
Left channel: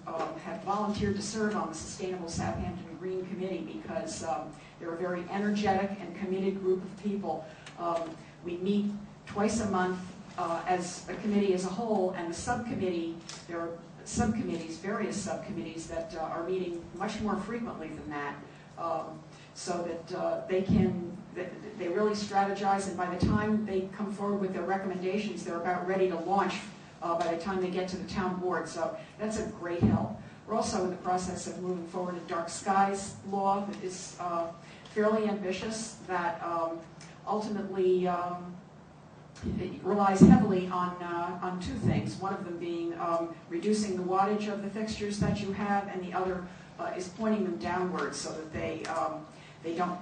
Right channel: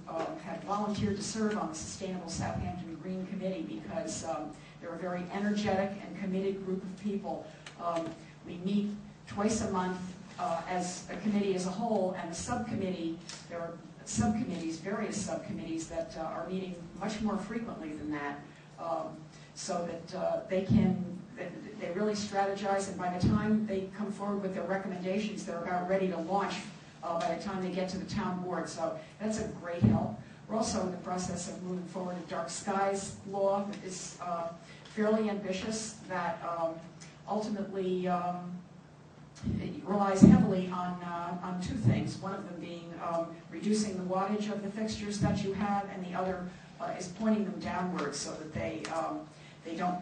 have volunteered to serve on the Sustainable Southampton Green Committee, because they're a very energetic and committed group of people. We meet twice a month as a committee as a whole, and the subcommittee, there are subcommittees, various subcommittees that are meeting much more frequently than that, so that they really strategize, and by the time they come forward with their recommendations, they're about ready to launch by the time they get to the town board. So that's a great help. We're also in the process of moving forward a dark skies law that is fairly ambitious, that ultimately it relies heavily on two things. One of them being reducing the wattage of the fixtures that you have, and the other is pointing them downwards so that they don't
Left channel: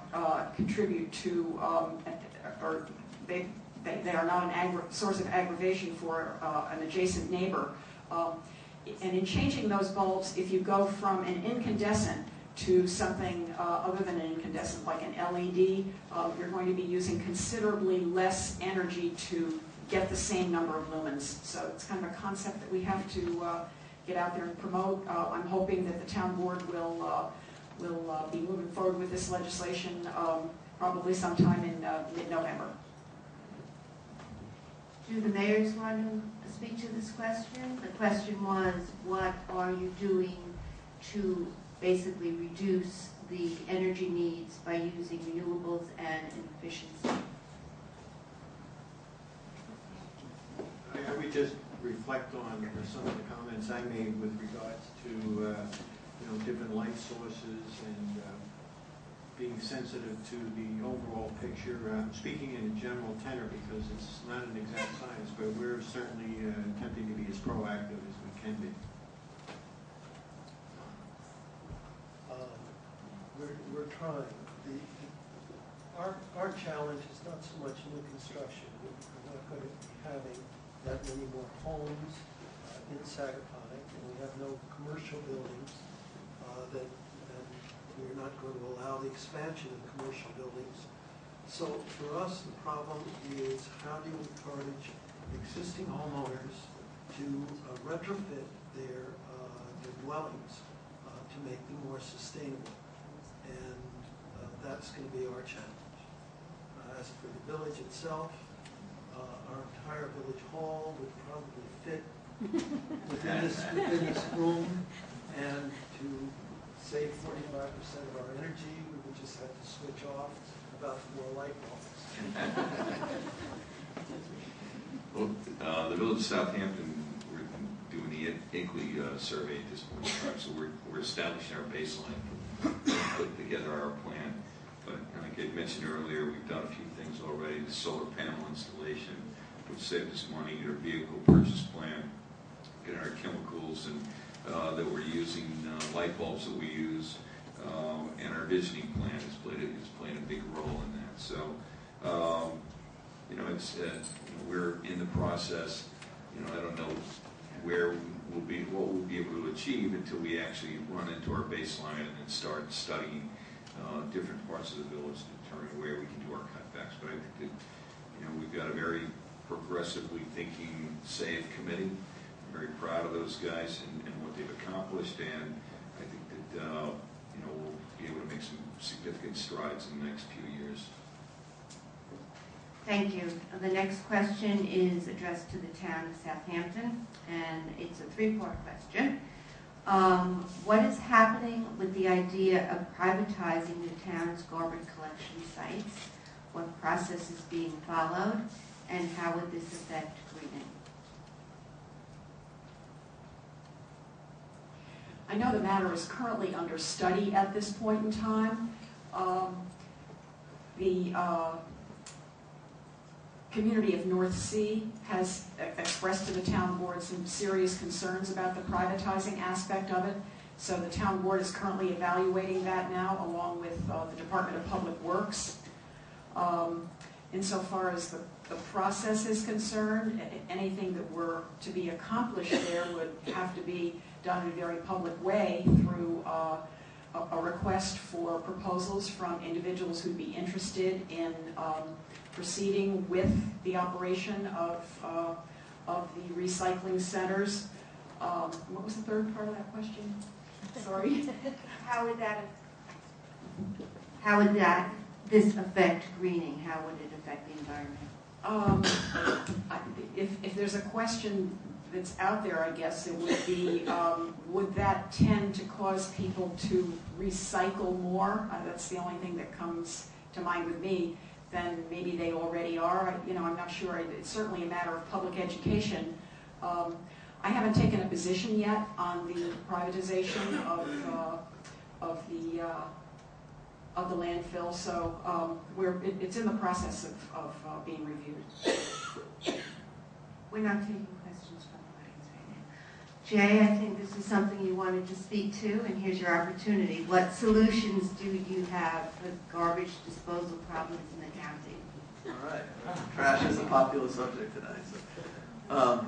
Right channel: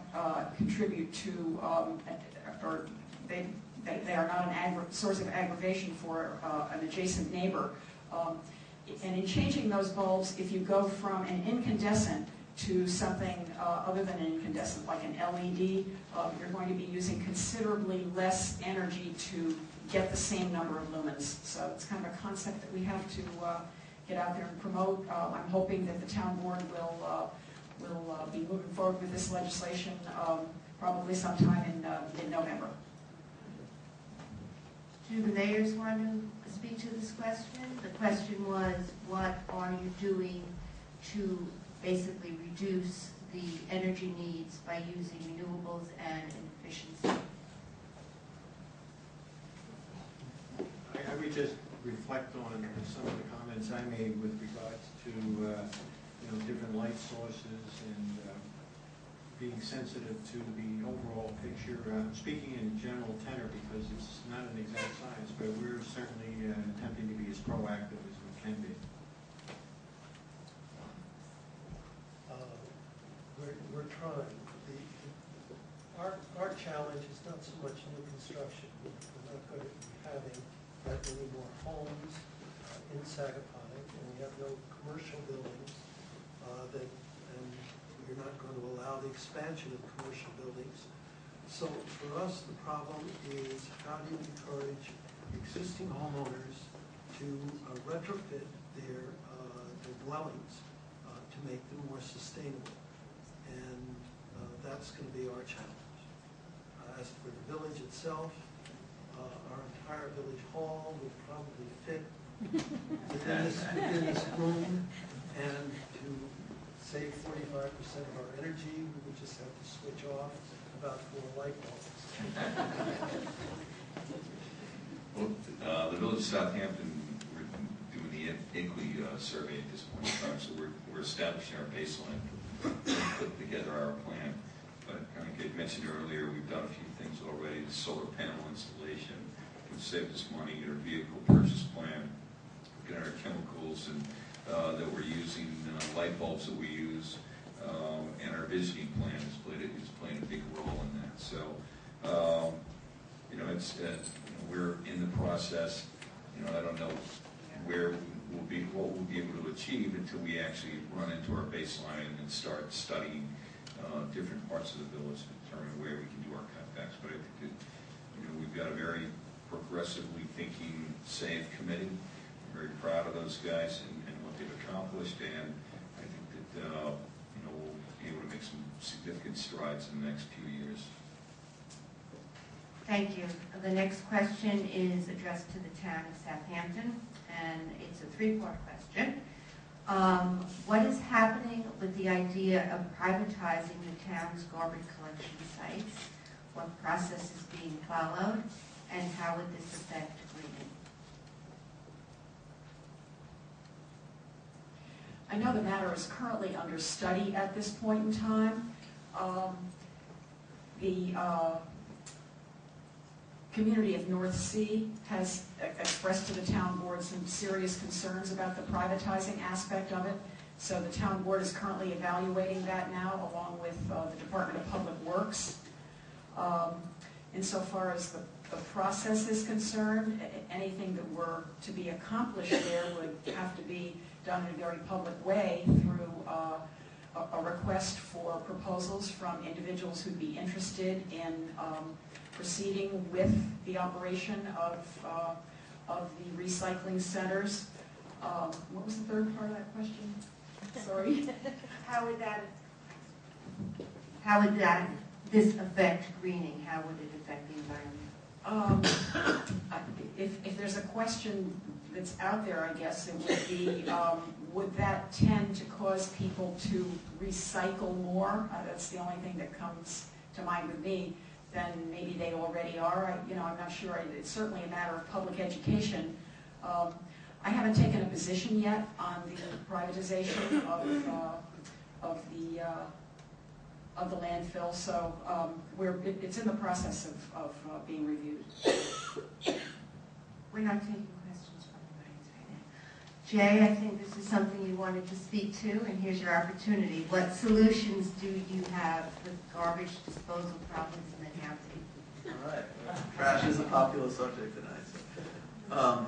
contribute to, or they are not an source of aggravation for an adjacent neighbor. And in changing those bulbs, if you go from an incandescent to something other than an incandescent, like an LED, you're going to be using considerably less energy to get the same number of lumens. So it's kind of a concept that we have to get out there and promote. I'm hoping that the town board will be moving forward with this legislation probably sometime in mid-November. Do the mayors want to speak to this question? The question was, what are you doing to basically reduce the energy needs by using renewables and efficiency? I would just reflect on some of the comments I made with regards to different light sources and being sensitive to the overall picture. Speaking in general tenor because it's not an exact science, but we're certainly attempting to be as proactive as we can be. We're trying. Our challenge is not so much new construction. We're not going to be having that many more homes in Sagaponic, and we have no commercial buildings and we're not going to allow the expansion of commercial buildings. So for us, the problem is how do you encourage existing homeowners to retrofit their dwellings to make them more sustainable. And that's going to be our challenge. As for the village itself, our entire village hall would probably fit within this room, and to save 45% of our energy, we would just have to switch off about 4 light bulbs. Well, the village of Southampton, we're doing the INCLI survey at this point in time, so we're establishing our baseline, put together our plan. But like I mentioned earlier, we've done a few things already. The solar panel installation, which saved us money, get our vehicle purchase plan, get our chemicals and that we're using, light bulbs that we use, and our visioning plan is playing a big role in that. So, it's we're in the process. I don't know what we'll be able to achieve until we actually run into our baseline and start studying different parts of the village to determine where we can do our cutbacks. But I think that we've got a very progressively thinking SAFE committee. I'm very proud of those guys and what they've accomplished, and I think that we'll be able to make some significant strides in the next few years. Thank you. The next question is addressed to the town of Southampton, and it's a 3-part question. What is happening with the idea of privatizing the town's garbage collection sites? What process is being followed, and how would this affect greening? I know the matter is currently under study at this point in time. The community of North Sea has expressed to the town board some serious concerns about the privatizing aspect of it. So the town board is currently evaluating that now, along with the Department of Public Works. Insofar as the process is concerned, anything that were to be accomplished there would have to be done in a very public way through a request for proposals from individuals who'd be interested in proceeding with the operation of the recycling centers. What was the third part of that question? Sorry. How would this affect greening? How would it affect the environment? If there's a question that's out there, I guess it would be, would that tend to cause people to recycle more? That's the only thing that comes to mind with me. Then maybe they already are. I'm not sure. It's certainly a matter of public education. I haven't taken a position yet on the privatization of the landfill, so it's in the process of being reviewed. We're not taking questions from the audience right now. Jay, I think this is something you wanted to speak to, and here's your opportunity. What solutions do you have with garbage disposal problems in the county? All right. Trash is a popular subject tonight. So.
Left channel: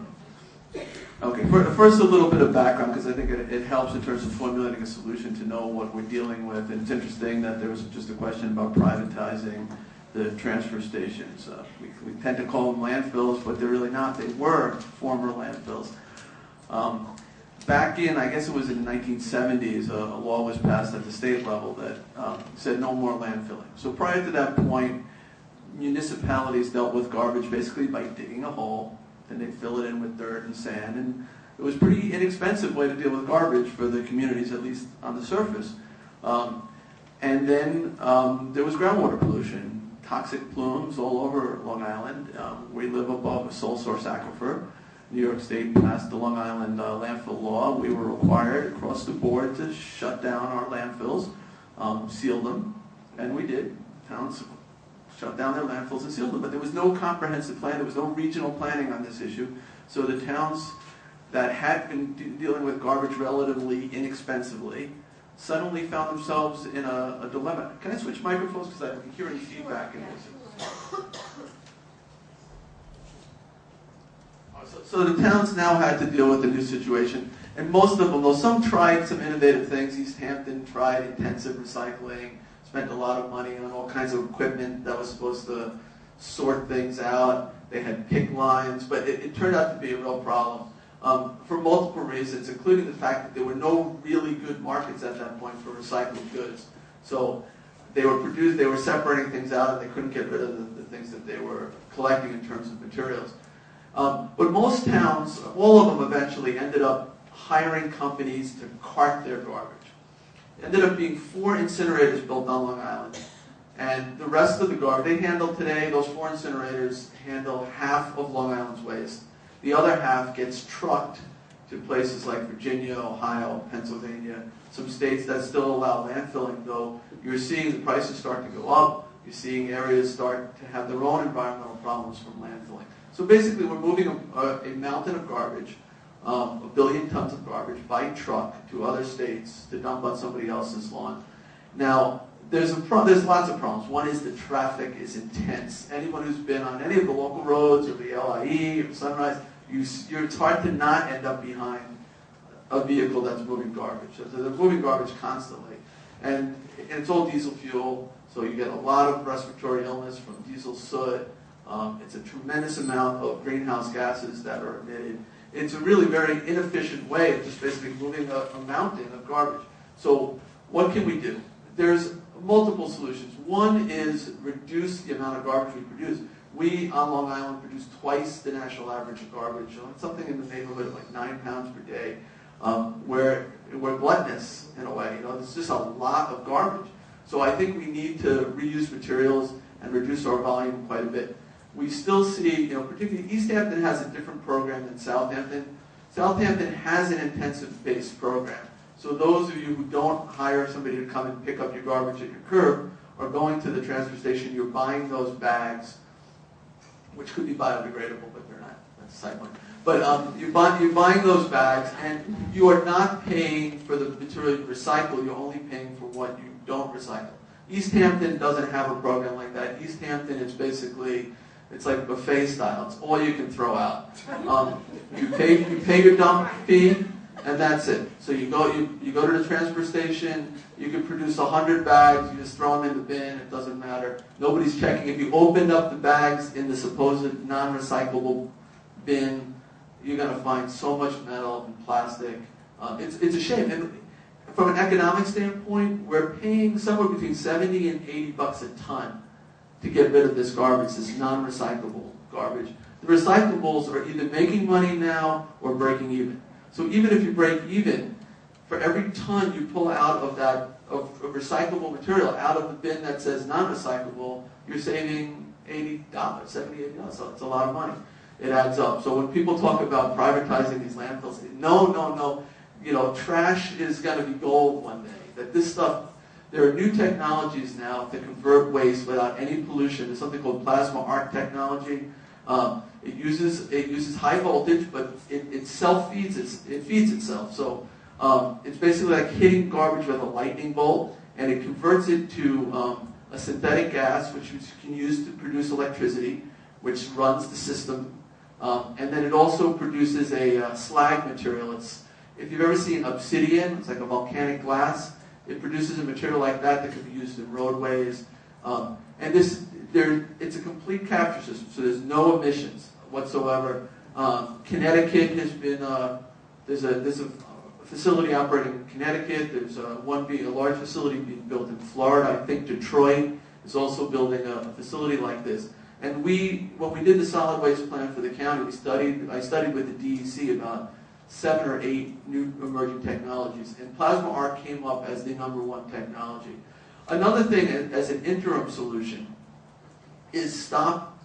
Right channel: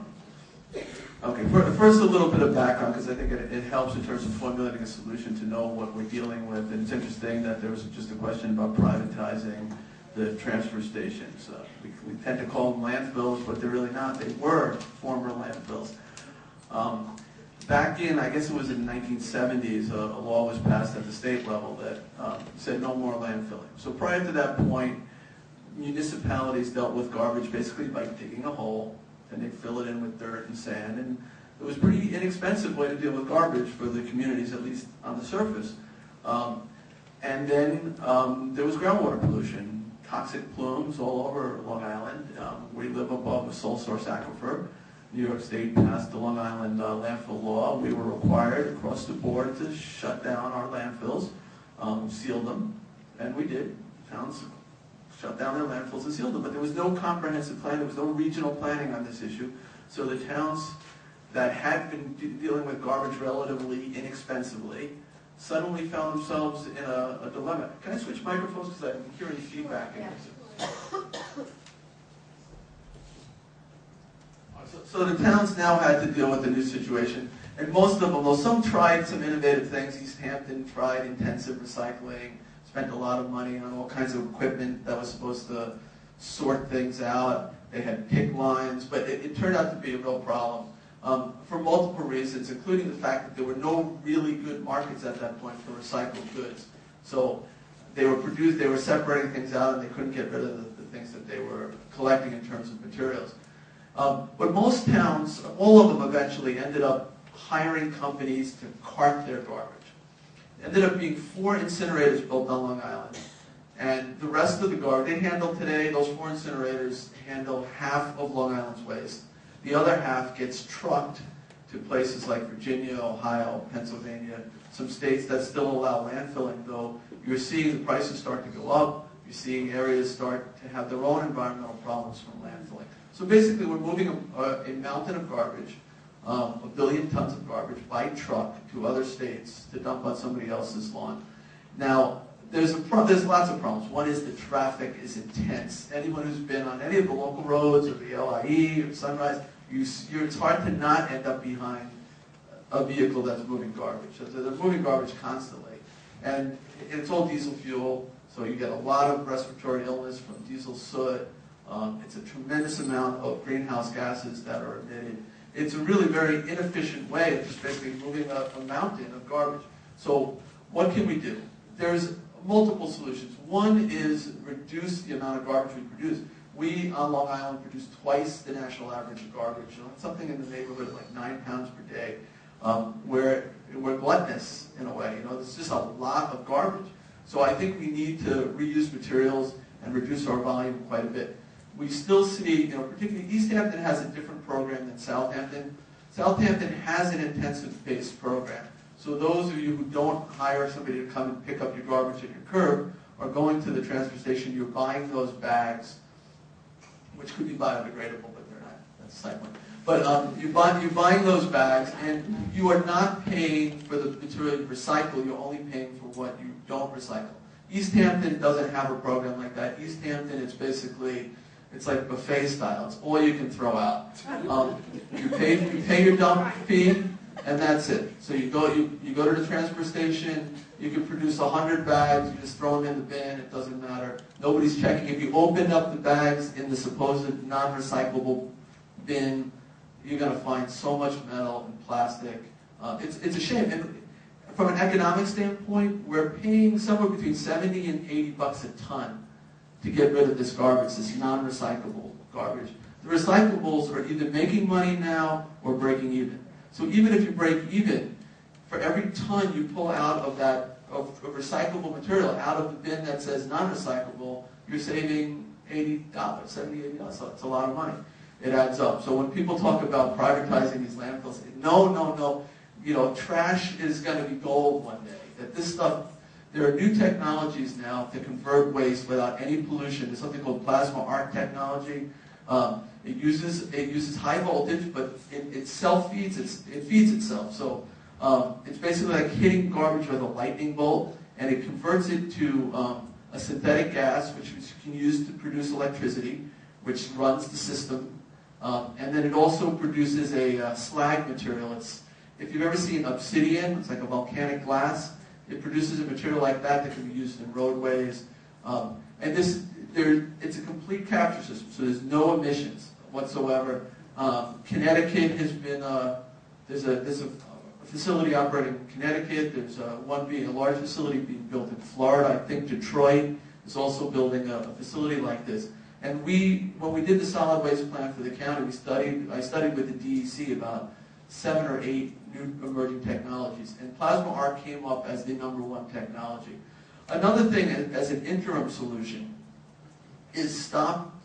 Okay, first a little bit of background, because I think it helps in terms of formulating a solution to know what we're dealing with. And it's interesting that there was just a question about privatizing the transfer stations. We tend to call them landfills, but they're really not. They were former landfills. Back in, I guess it was in the 1970s, a law was passed at the state level that said no more landfilling. So prior to that point, municipalities dealt with garbage basically by digging a hole, and they'd fill it in with dirt and sand, and it was a pretty inexpensive way to deal with garbage for the communities, at least on the surface. And then there was groundwater pollution, toxic plumes all over Long Island. We live above a sole source aquifer. New York State passed the Long Island landfill law. We were required across the board to shut down our landfills, seal them, and we did. Towns shut down their landfills and sealed them, but there was no comprehensive plan, there was no regional planning on this issue. So the towns that had been dealing with garbage relatively inexpensively suddenly found themselves in a dilemma. Can I switch microphones because I'm hearing feedback? So the towns now had to deal with the new situation, and most of them, though some tried some innovative things. East Hampton tried intensive recycling, spent a lot of money on all kinds of equipment that was supposed to sort things out. They had pick lines, but it turned out to be a real problem for multiple reasons, including the fact that there were no really good markets at that point for recycled goods. So they were separating things out, and they couldn't get rid of the things that they were collecting in terms of materials. But most towns, all of them eventually ended up hiring companies to cart their garbage. It ended up being 4 incinerators built on Long Island. And the rest of the garbage, those 4 incinerators handle half of Long Island's waste. The other half gets trucked to places like Virginia, Ohio, Pennsylvania, some states that still allow landfilling, though you're seeing the prices start to go up. You're seeing areas start to have their own environmental problems from landfilling. So basically, we're moving a mountain of garbage, 1 billion tons of garbage by truck to other states to dump on somebody else's lawn. Now, there's lots of problems. One is the traffic is intense. Anyone who's been on any of the local roads or the LIE or Sunrise, it's hard to not end up behind a vehicle that's moving garbage. So they're moving garbage constantly. And it's all diesel fuel, so you get a lot of respiratory illness from diesel soot. It's a tremendous amount of greenhouse gases that are emitted. It's a really very inefficient way of just basically moving a mountain of garbage. So what can we do? There's multiple solutions. One is reduce the amount of garbage we produce. We, on Long Island, produce twice the national average of garbage. Something in the neighborhood of like 9 pounds per day. We're gluttonous in a way. There's just a lot of garbage. So I think we need to reuse materials and reduce our volume quite a bit. We still see, particularly East Hampton has a different program than Southampton. Southampton has an intensive-based program. So those of you who don't hire somebody to come and pick up your garbage at your curb are going to the transfer station, you're buying those bags, which could be biodegradable, but they're not. That's a side point. But you're buying those bags, and you are not paying for the material you recycle, you're only paying for what you don't recycle. East Hampton doesn't have a program like that. East Hampton is basically, it's like buffet style. It's all you can throw out. You pay your dump fee, and that's it. So you go to the transfer station. You can produce 100 bags. You just throw them in the bin. It doesn't matter. Nobody's checking. If you open up the bags in the supposed non-recyclable bin, you're going to find so much metal and plastic. It's a shame. And from an economic standpoint, we're paying somewhere between $70 and $80 a ton to get rid of this garbage, this non-recyclable garbage. The recyclables are either making money now or breaking even. So even if you break even, for every ton you pull out of that of recyclable material out of the bin that says non-recyclable, you're saving $80, $70, $80. So it's a lot of money. It adds up. So when people talk about privatizing these landfills, no. Trash is going to be gold one day. That this stuff, there are new technologies now to convert waste without any pollution. There's something called plasma arc technology, It uses high voltage, but it self-feeds, it feeds itself. So it's basically like hitting garbage with a lightning bolt, and it converts it to a synthetic gas, which you can use to produce electricity, which runs the system. And then it also produces a slag material. If you've ever seen obsidian, it's like a volcanic glass. It produces a material like that can be used in roadways. And it's a complete capture system, so there's no emissions whatsoever. Connecticut has been, there's a facility operating in Connecticut. There's a large facility being built in Florida. I think Detroit is also building a facility like this. And when we did the solid waste plan for the county, I studied with the DEC about 7 or 8 new emerging technologies, and plasma arc came up as the #1 technology. Another thing as an interim solution is stop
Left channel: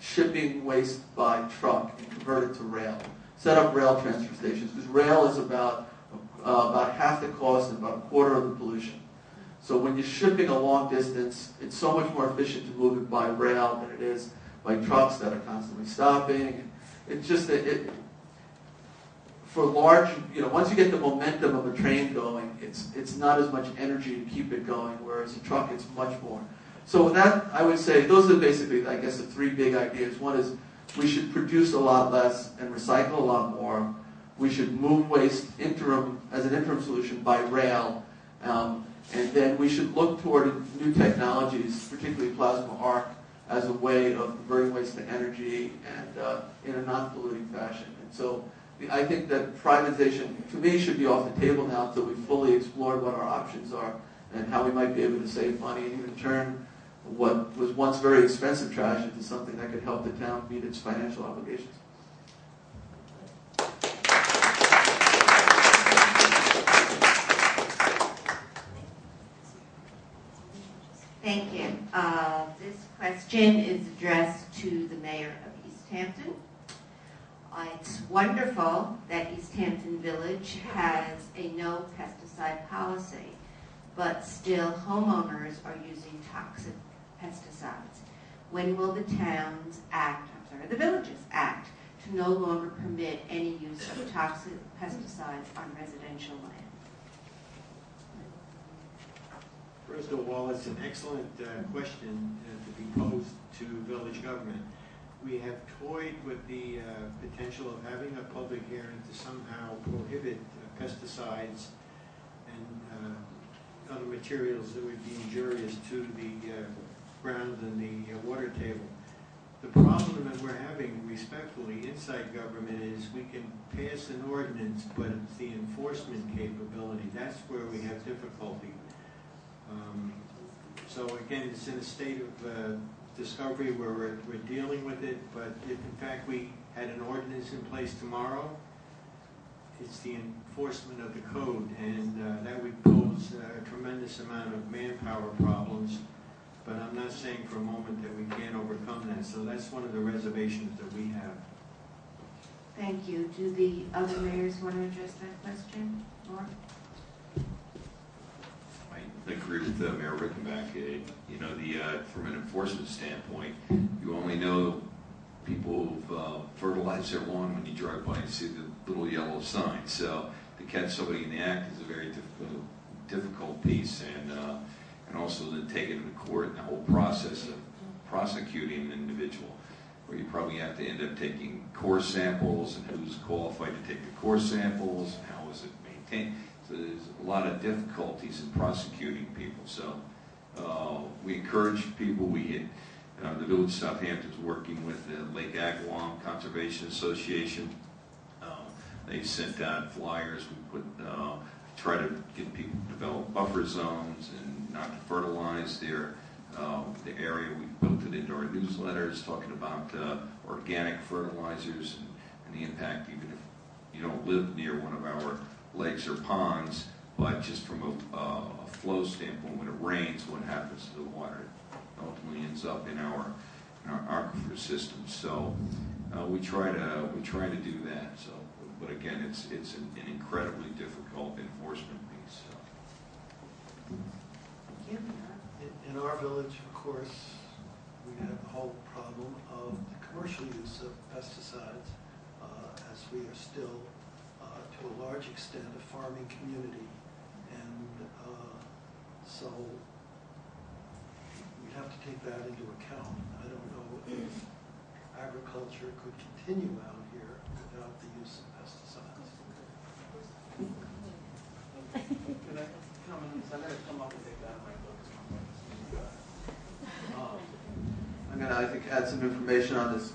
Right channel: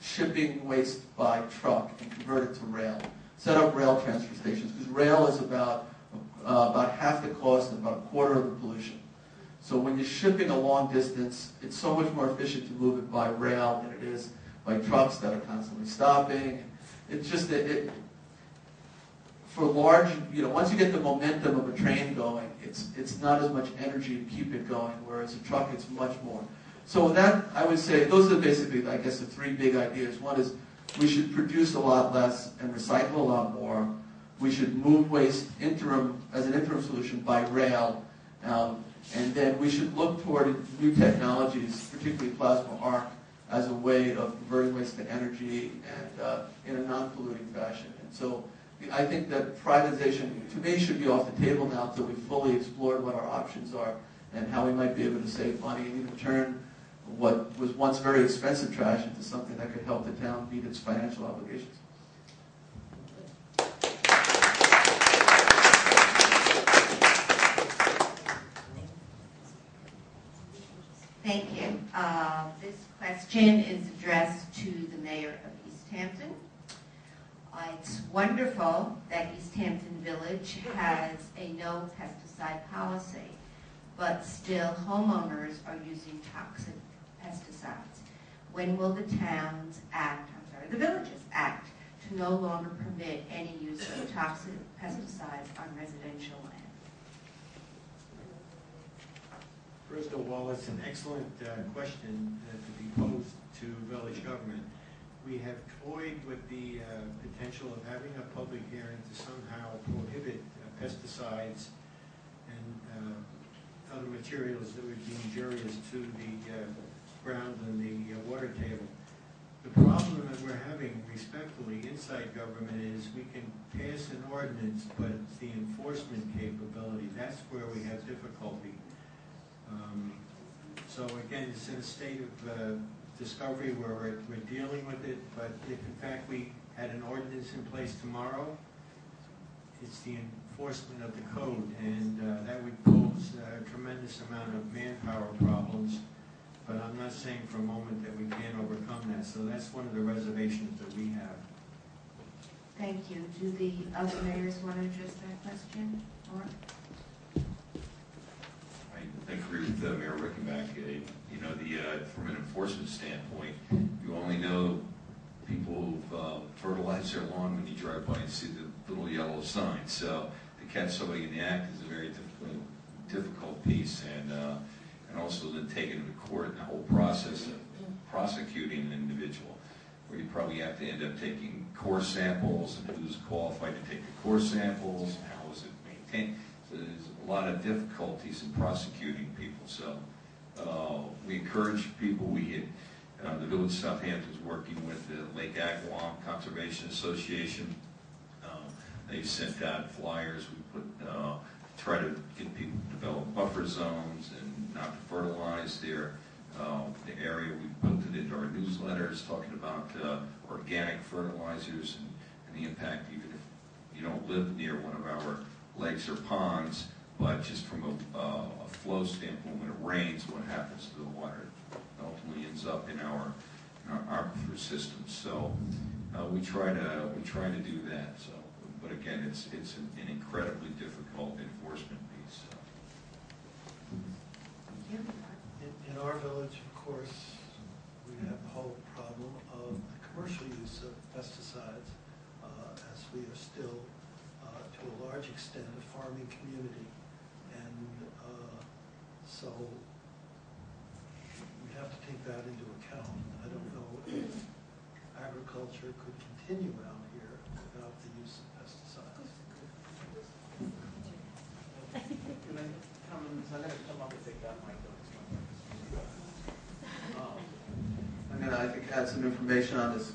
shipping waste by truck and convert it to rail. Set up rail transfer stations, because rail is about half the cost and about a quarter of the pollution. So when you're shipping a long distance, it's so much more efficient to move it by rail than it is by trucks that are constantly stopping. It's just for large, once you get the momentum of a train going, it's not as much energy to keep it going, whereas a truck, it's much more. So with that, I would say those are basically, I guess, the 3 big ideas. One is we should produce a lot less and recycle a lot more. We should move waste as an interim solution by rail. And then we should look toward new technologies, particularly plasma arc, as a way of converting waste to energy and in a non-polluting fashion. And so I think that privatization, to me, should be off the table now until we've fully explored what our options are and how we might be able to save money and even turn what was once very expensive trash into something that could help the town meet its financial obligations. Thank you. This question is addressed to the mayor of East Hampton. It's wonderful that East Hampton Village has a no pesticide policy, but still homeowners are using toxic pesticides. When will the villages act to no longer permit any use of toxic pesticides on residential land? First of all, it's an excellent question to be posed to village government. We have toyed with the potential of having a public hearing to somehow prohibit pesticides and other materials that would be injurious to the ground and the water table. The problem that we're having, respectfully, inside government is we can pass an ordinance, but it's the enforcement capability. That's where we have difficulty. So again, it's in a state of discovery where we're dealing with it, but if in fact we had an ordinance in place tomorrow, it's the enforcement of the code, and that would pose a tremendous amount of manpower problems, but I'm not saying for a moment that we can't overcome that, so that's one of the reservations that we have. Thank you. Do the other mayors want to address that question? Mark? I agree with Mayor Rickenbach. From an enforcement standpoint, you only know people who've fertilized their lawn when you drive by and see the little yellow sign. So to catch somebody in the act is a very difficult piece, and also to take it to court and the whole process of prosecuting an individual, where you probably have to end up taking core samples and who's qualified to take the core samples and how is it maintained. So there's a lot of difficulties in prosecuting people. So we encourage people. The Village of Southampton is working with the Lake Agawam Conservation Association. They sent out flyers. We try to get people to develop buffer zones and not to fertilize the area. We built it into our newsletters talking about organic fertilizers and the impact, even if you don't live near one of our lakes or ponds, but just from a flow standpoint, when it rains, what happens to the water? It ultimately ends up in our aquifer system. So we try to do that. So, but again, it's an incredibly difficult enforcement piece. So. In our village, of course, we have the whole problem of the commercial use of pesticides, as we are still, to a large extent, a farming community. And so we have to take that into account. I don't know if agriculture could continue out here without the use of pesticides. Can I come in? I'm going to come up and take that mic though, because my mic is I'm going to, I think, add some information on this.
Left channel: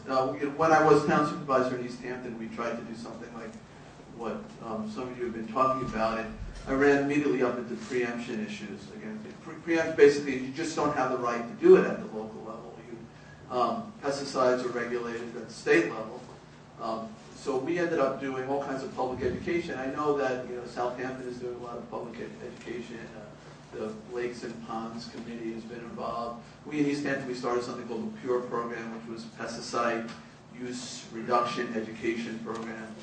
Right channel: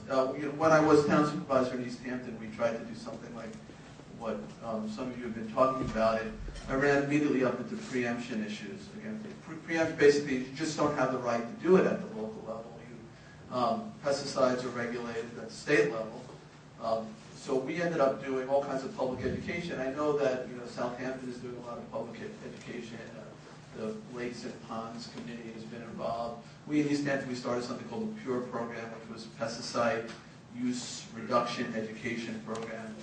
When I was town supervisor in East Hampton, we tried to do something like what some of you have been talking about. And I ran immediately up into preemption issues. Again, preempt basically, you just don't have the right to do it at the local level. Pesticides are regulated at the state level. So we ended up doing all kinds of public education. I know that Southampton is doing a lot of public education. The Lakes and Ponds Committee has been involved. We in East Hampton, we started something called the PURE program, which was a pesticide use reduction education program.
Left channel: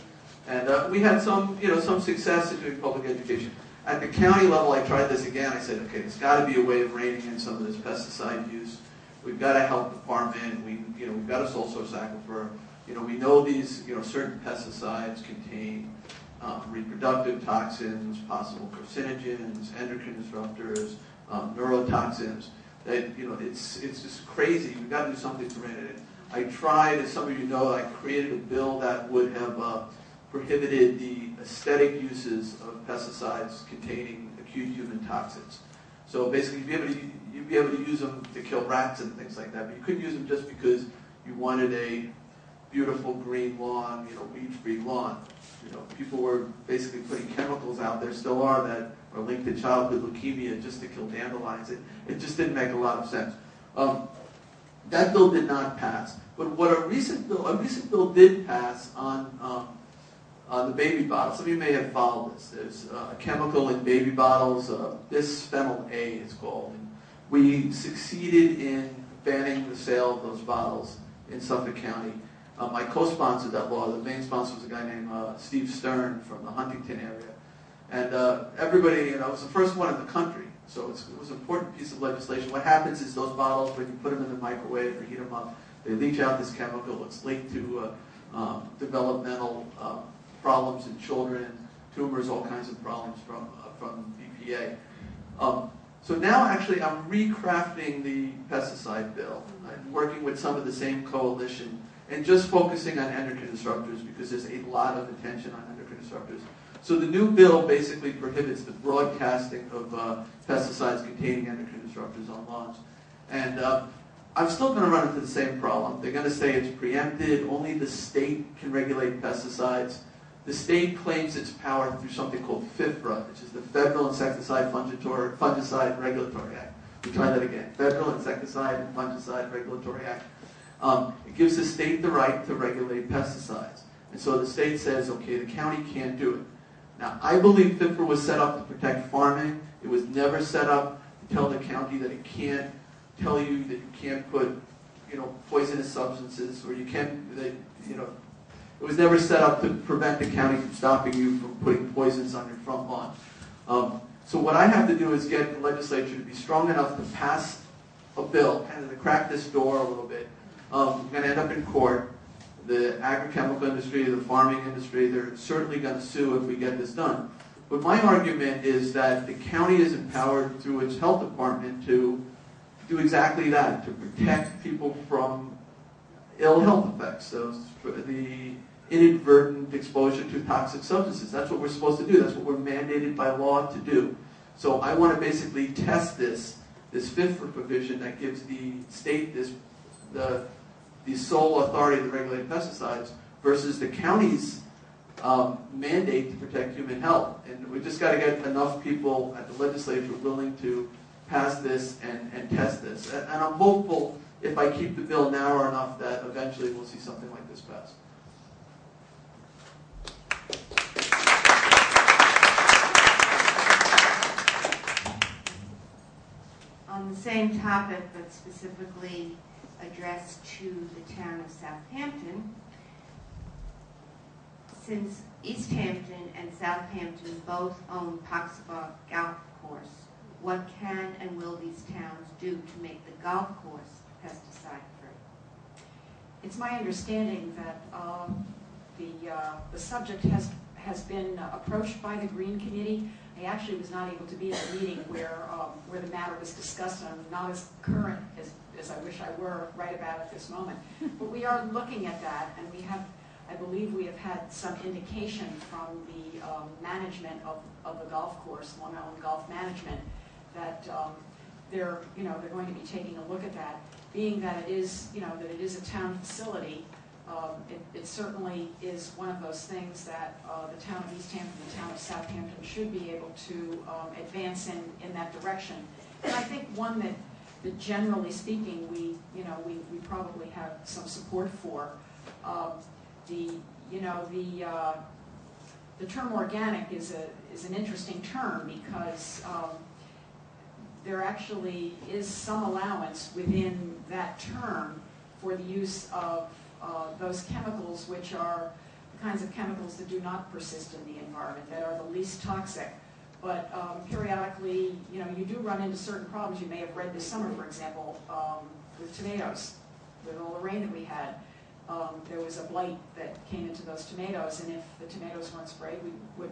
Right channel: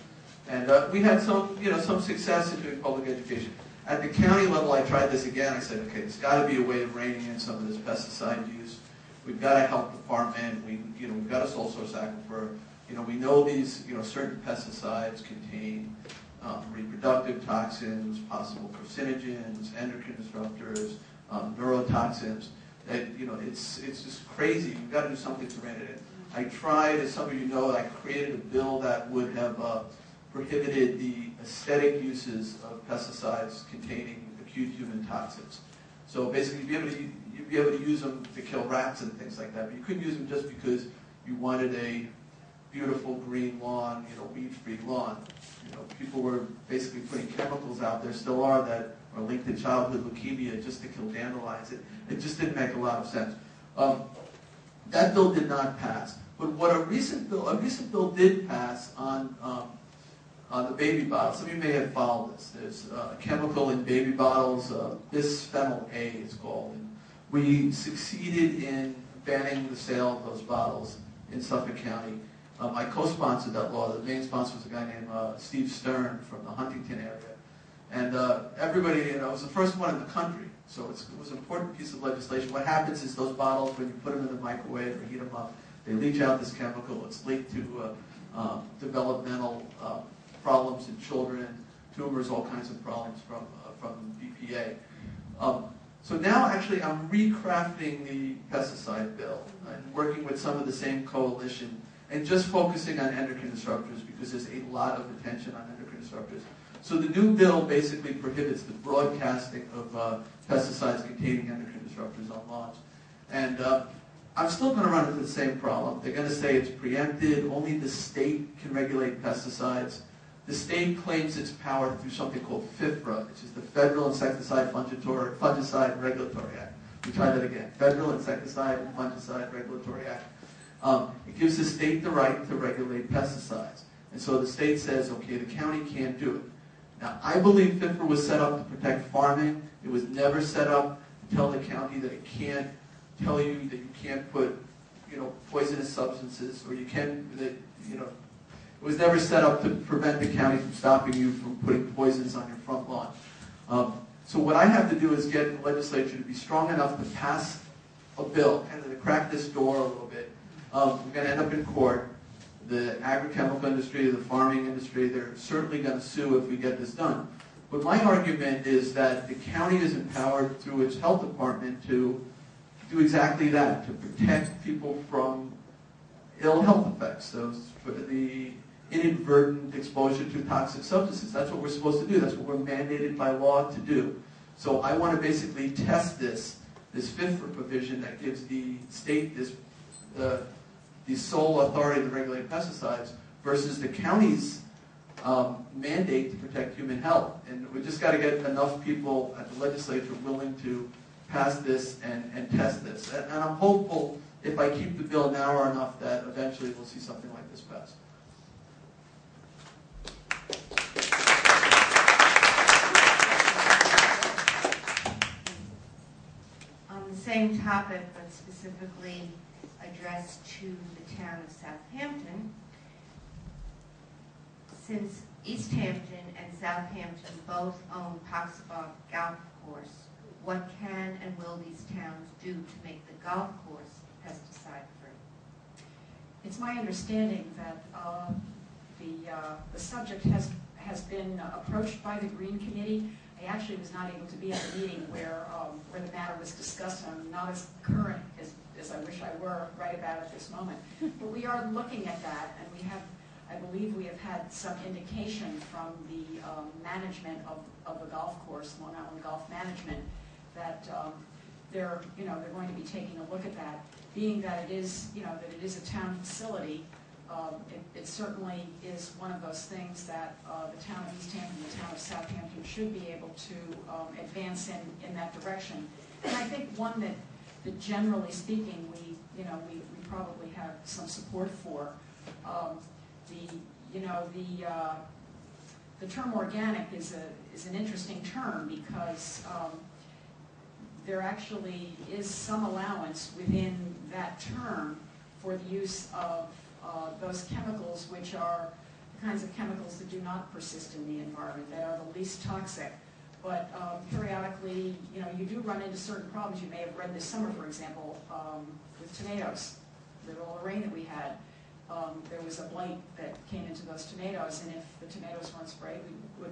And we had some success in doing public education. At the county level, I tried this again. I said, okay, there's got to be a way of reining in some of this pesticide use. We've got a health department. We've got a sole source aquifer. We know these, certain pesticides contain reproductive toxins, possible carcinogens, endocrine disruptors, neurotoxins. That it's just crazy. We've got to do something to rein it in. I tried, as some of you know, I created a bill that would have prohibited the aesthetic uses of pesticides containing acute human toxins. So basically, you'd be able to use them to kill rats and things like that, but you couldn't use them just because you wanted a beautiful green lawn, weed-free lawn. People were basically putting chemicals out there, still are, that are linked to childhood leukemia just to kill dandelions. It just didn't make a lot of sense. That bill did not pass. But what a recent bill did pass on the baby bottles. Some of you may have followed this. There's a chemical in baby bottles, bisphenol A it's called. And we succeeded in banning the sale of those bottles in Suffolk County. I co-sponsored that law. The main sponsor was a guy named Steve Stern from the Huntington area. And everybody, it was the first one in the country. So it was an important piece of legislation. What happens is those bottles, when you put them in the microwave or heat them up, they leach out this chemical. It's linked to developmental problems in children, tumors, all kinds of problems from BPA. So now, actually, I'm recrafting the pesticide bill. I'm working with some of the same coalition and just focusing on endocrine disruptors because there's a lot of attention on endocrine disruptors. So the new bill basically prohibits the broadcasting of pesticides containing endocrine disruptors on lawns. And I'm still going to run into the same problem. They're going to say it's preempted, only the state can regulate pesticides. The state claims its power through something called FIFRA, which is the Federal Insecticide Fungicide Regulatory Act. We try that again. Federal Insecticide and Fungicide Regulatory Act. It gives the state the right to regulate pesticides. And so the state says, okay, the county can't do it. Now, I believe FIFRA was set up to protect farming. It was never set up to tell the county that it can't tell you that you can't put, poisonous substances, or it was never set up to prevent the county from stopping you from putting poisons on your front lawn. So what I have to do is get the legislature to be strong enough to pass a bill, kind of to crack this door a little bit. We're going to end up in court. The agrochemical industry, the farming industry, they're certainly going to sue if we get this done. But my argument is that the county is empowered through its health department to do exactly that, to protect people from ill health effects, the inadvertent exposure to toxic substances. That's what we're supposed to do. That's what we're mandated by law to do. So I want to basically test this FIFRA provision that gives the state the sole authority to regulate pesticides versus the county's mandate to protect human health. And we just got to get enough people at the legislature willing to pass this and test this. And I'm hopeful if I keep the bill narrow enough that eventually we'll see something like this pass. On the same topic, but specifically addressed to the town of Southampton, since East Hampton and Southampton both own Poxabogue Golf Course, what can and will these towns do to make the golf course pesticide-free? It's my understanding that the subject has been approached by the Green Committee. I actually was not able to be at a meeting where the matter was discussed, and I'm not as current as I wish I were right about at this moment. But we are looking at that, and I believe we have had some indication from the management of the golf course, Long Island Golf Management, that they're going to be taking a look at that. Being that it is a town facility, it certainly is one of those things that the town of East Hampton, the town of Southampton should be able to advance in that direction. And I think one that generally speaking, we probably have some support for. The term organic is an interesting term because there actually is some allowance within that term for the use of those chemicals, which are the kinds of chemicals that do not persist in the environment, that are the least toxic. But periodically, you do run into certain problems. You may have read this summer, for example, with tomatoes. With all the rain that we had, there was a blight that came into those tomatoes, and if the tomatoes weren't sprayed, it would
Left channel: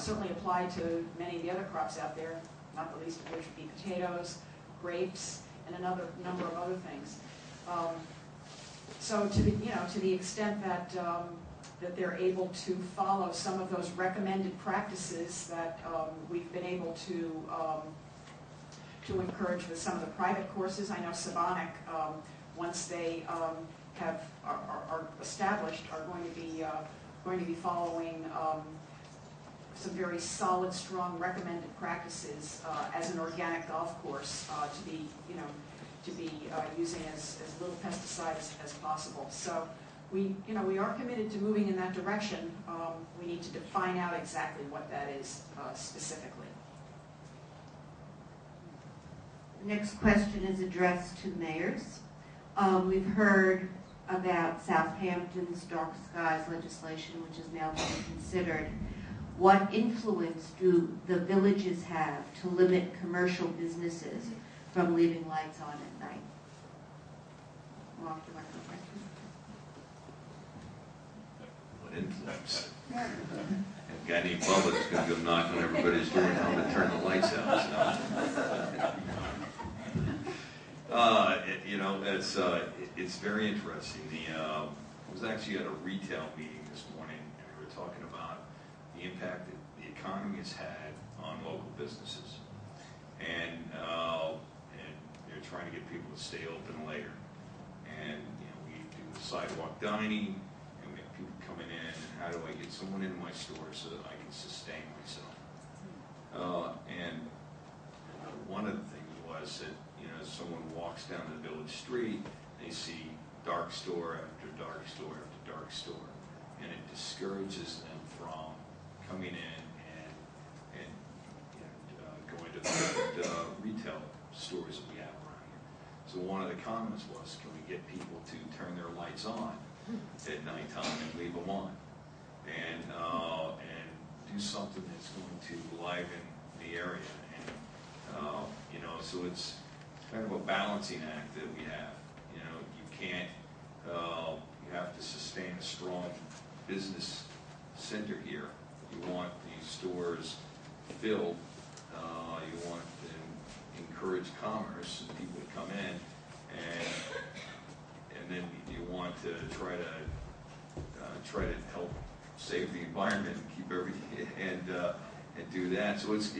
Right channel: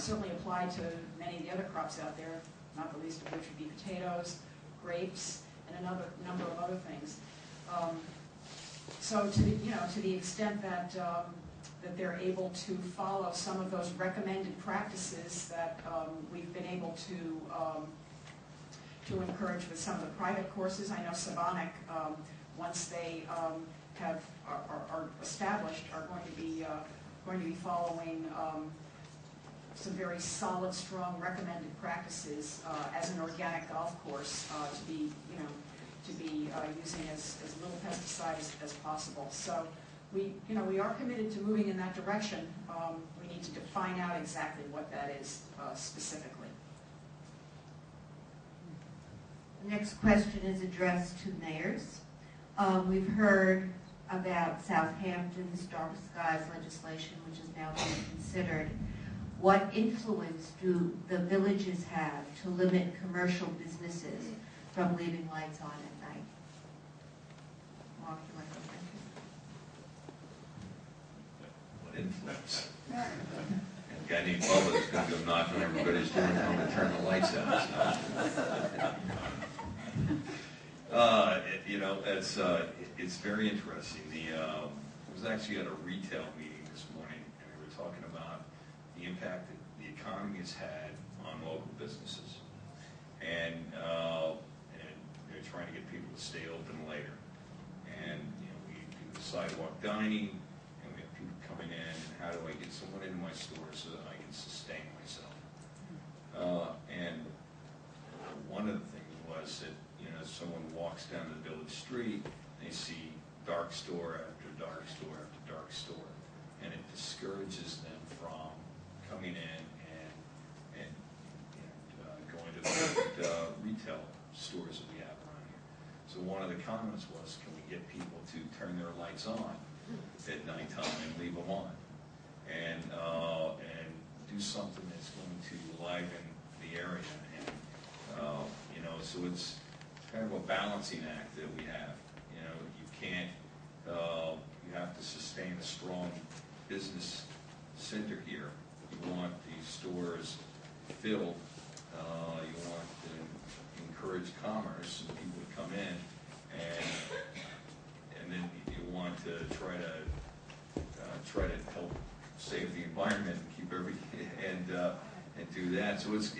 certainly apply to many of the other crops out there, not the least of which would be potatoes, grapes, and another number of other things. So to the extent that they're able to follow some of those recommended practices that we've been able to encourage with some of the private courses. I know Savonic, once they are established, are going to be following some very solid, strong recommended practices as an organic golf course to be using as little pesticide as possible. So we are committed to moving in that direction. We need to define out exactly what that is specifically. The next question is addressed to mayors. We've heard about Southampton's dark skies legislation, which is now being considered. What influence do the villages have to limit commercial businesses from leaving lights on at night? Mark, you want to go What influence? A guy named Bubba is going to go knock on everybody's door and tell them to turn the lights out. It's very interesting. I was actually at a retail meeting this morning, and we were talking about the impact that the economy has had on local businesses, and they're trying to get people to stay open later. And we do the sidewalk dining, and we have people coming in, and how do I get someone in my store so that I can sustain myself? And one of the things was that someone walks down the village street, they see dark store after dark store after dark store, and it discourages them from coming in and going to the different retail stores that we have around here. So one of the comments was, can we get people to turn their lights on at nighttime and leave them on, and do something that's going to liven the area, and so it's kind of a balancing act that we have. You can't, you have to sustain a strong business center here. You want these stores filled. You want to encourage commerce and people to come in, and then you want to try to help save the environment and keep everything and do that. So it's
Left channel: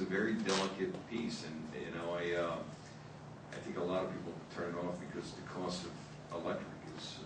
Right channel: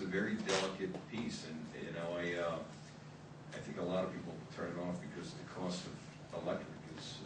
a very delicate piece, and I think a lot of people turn it off because the cost of electric is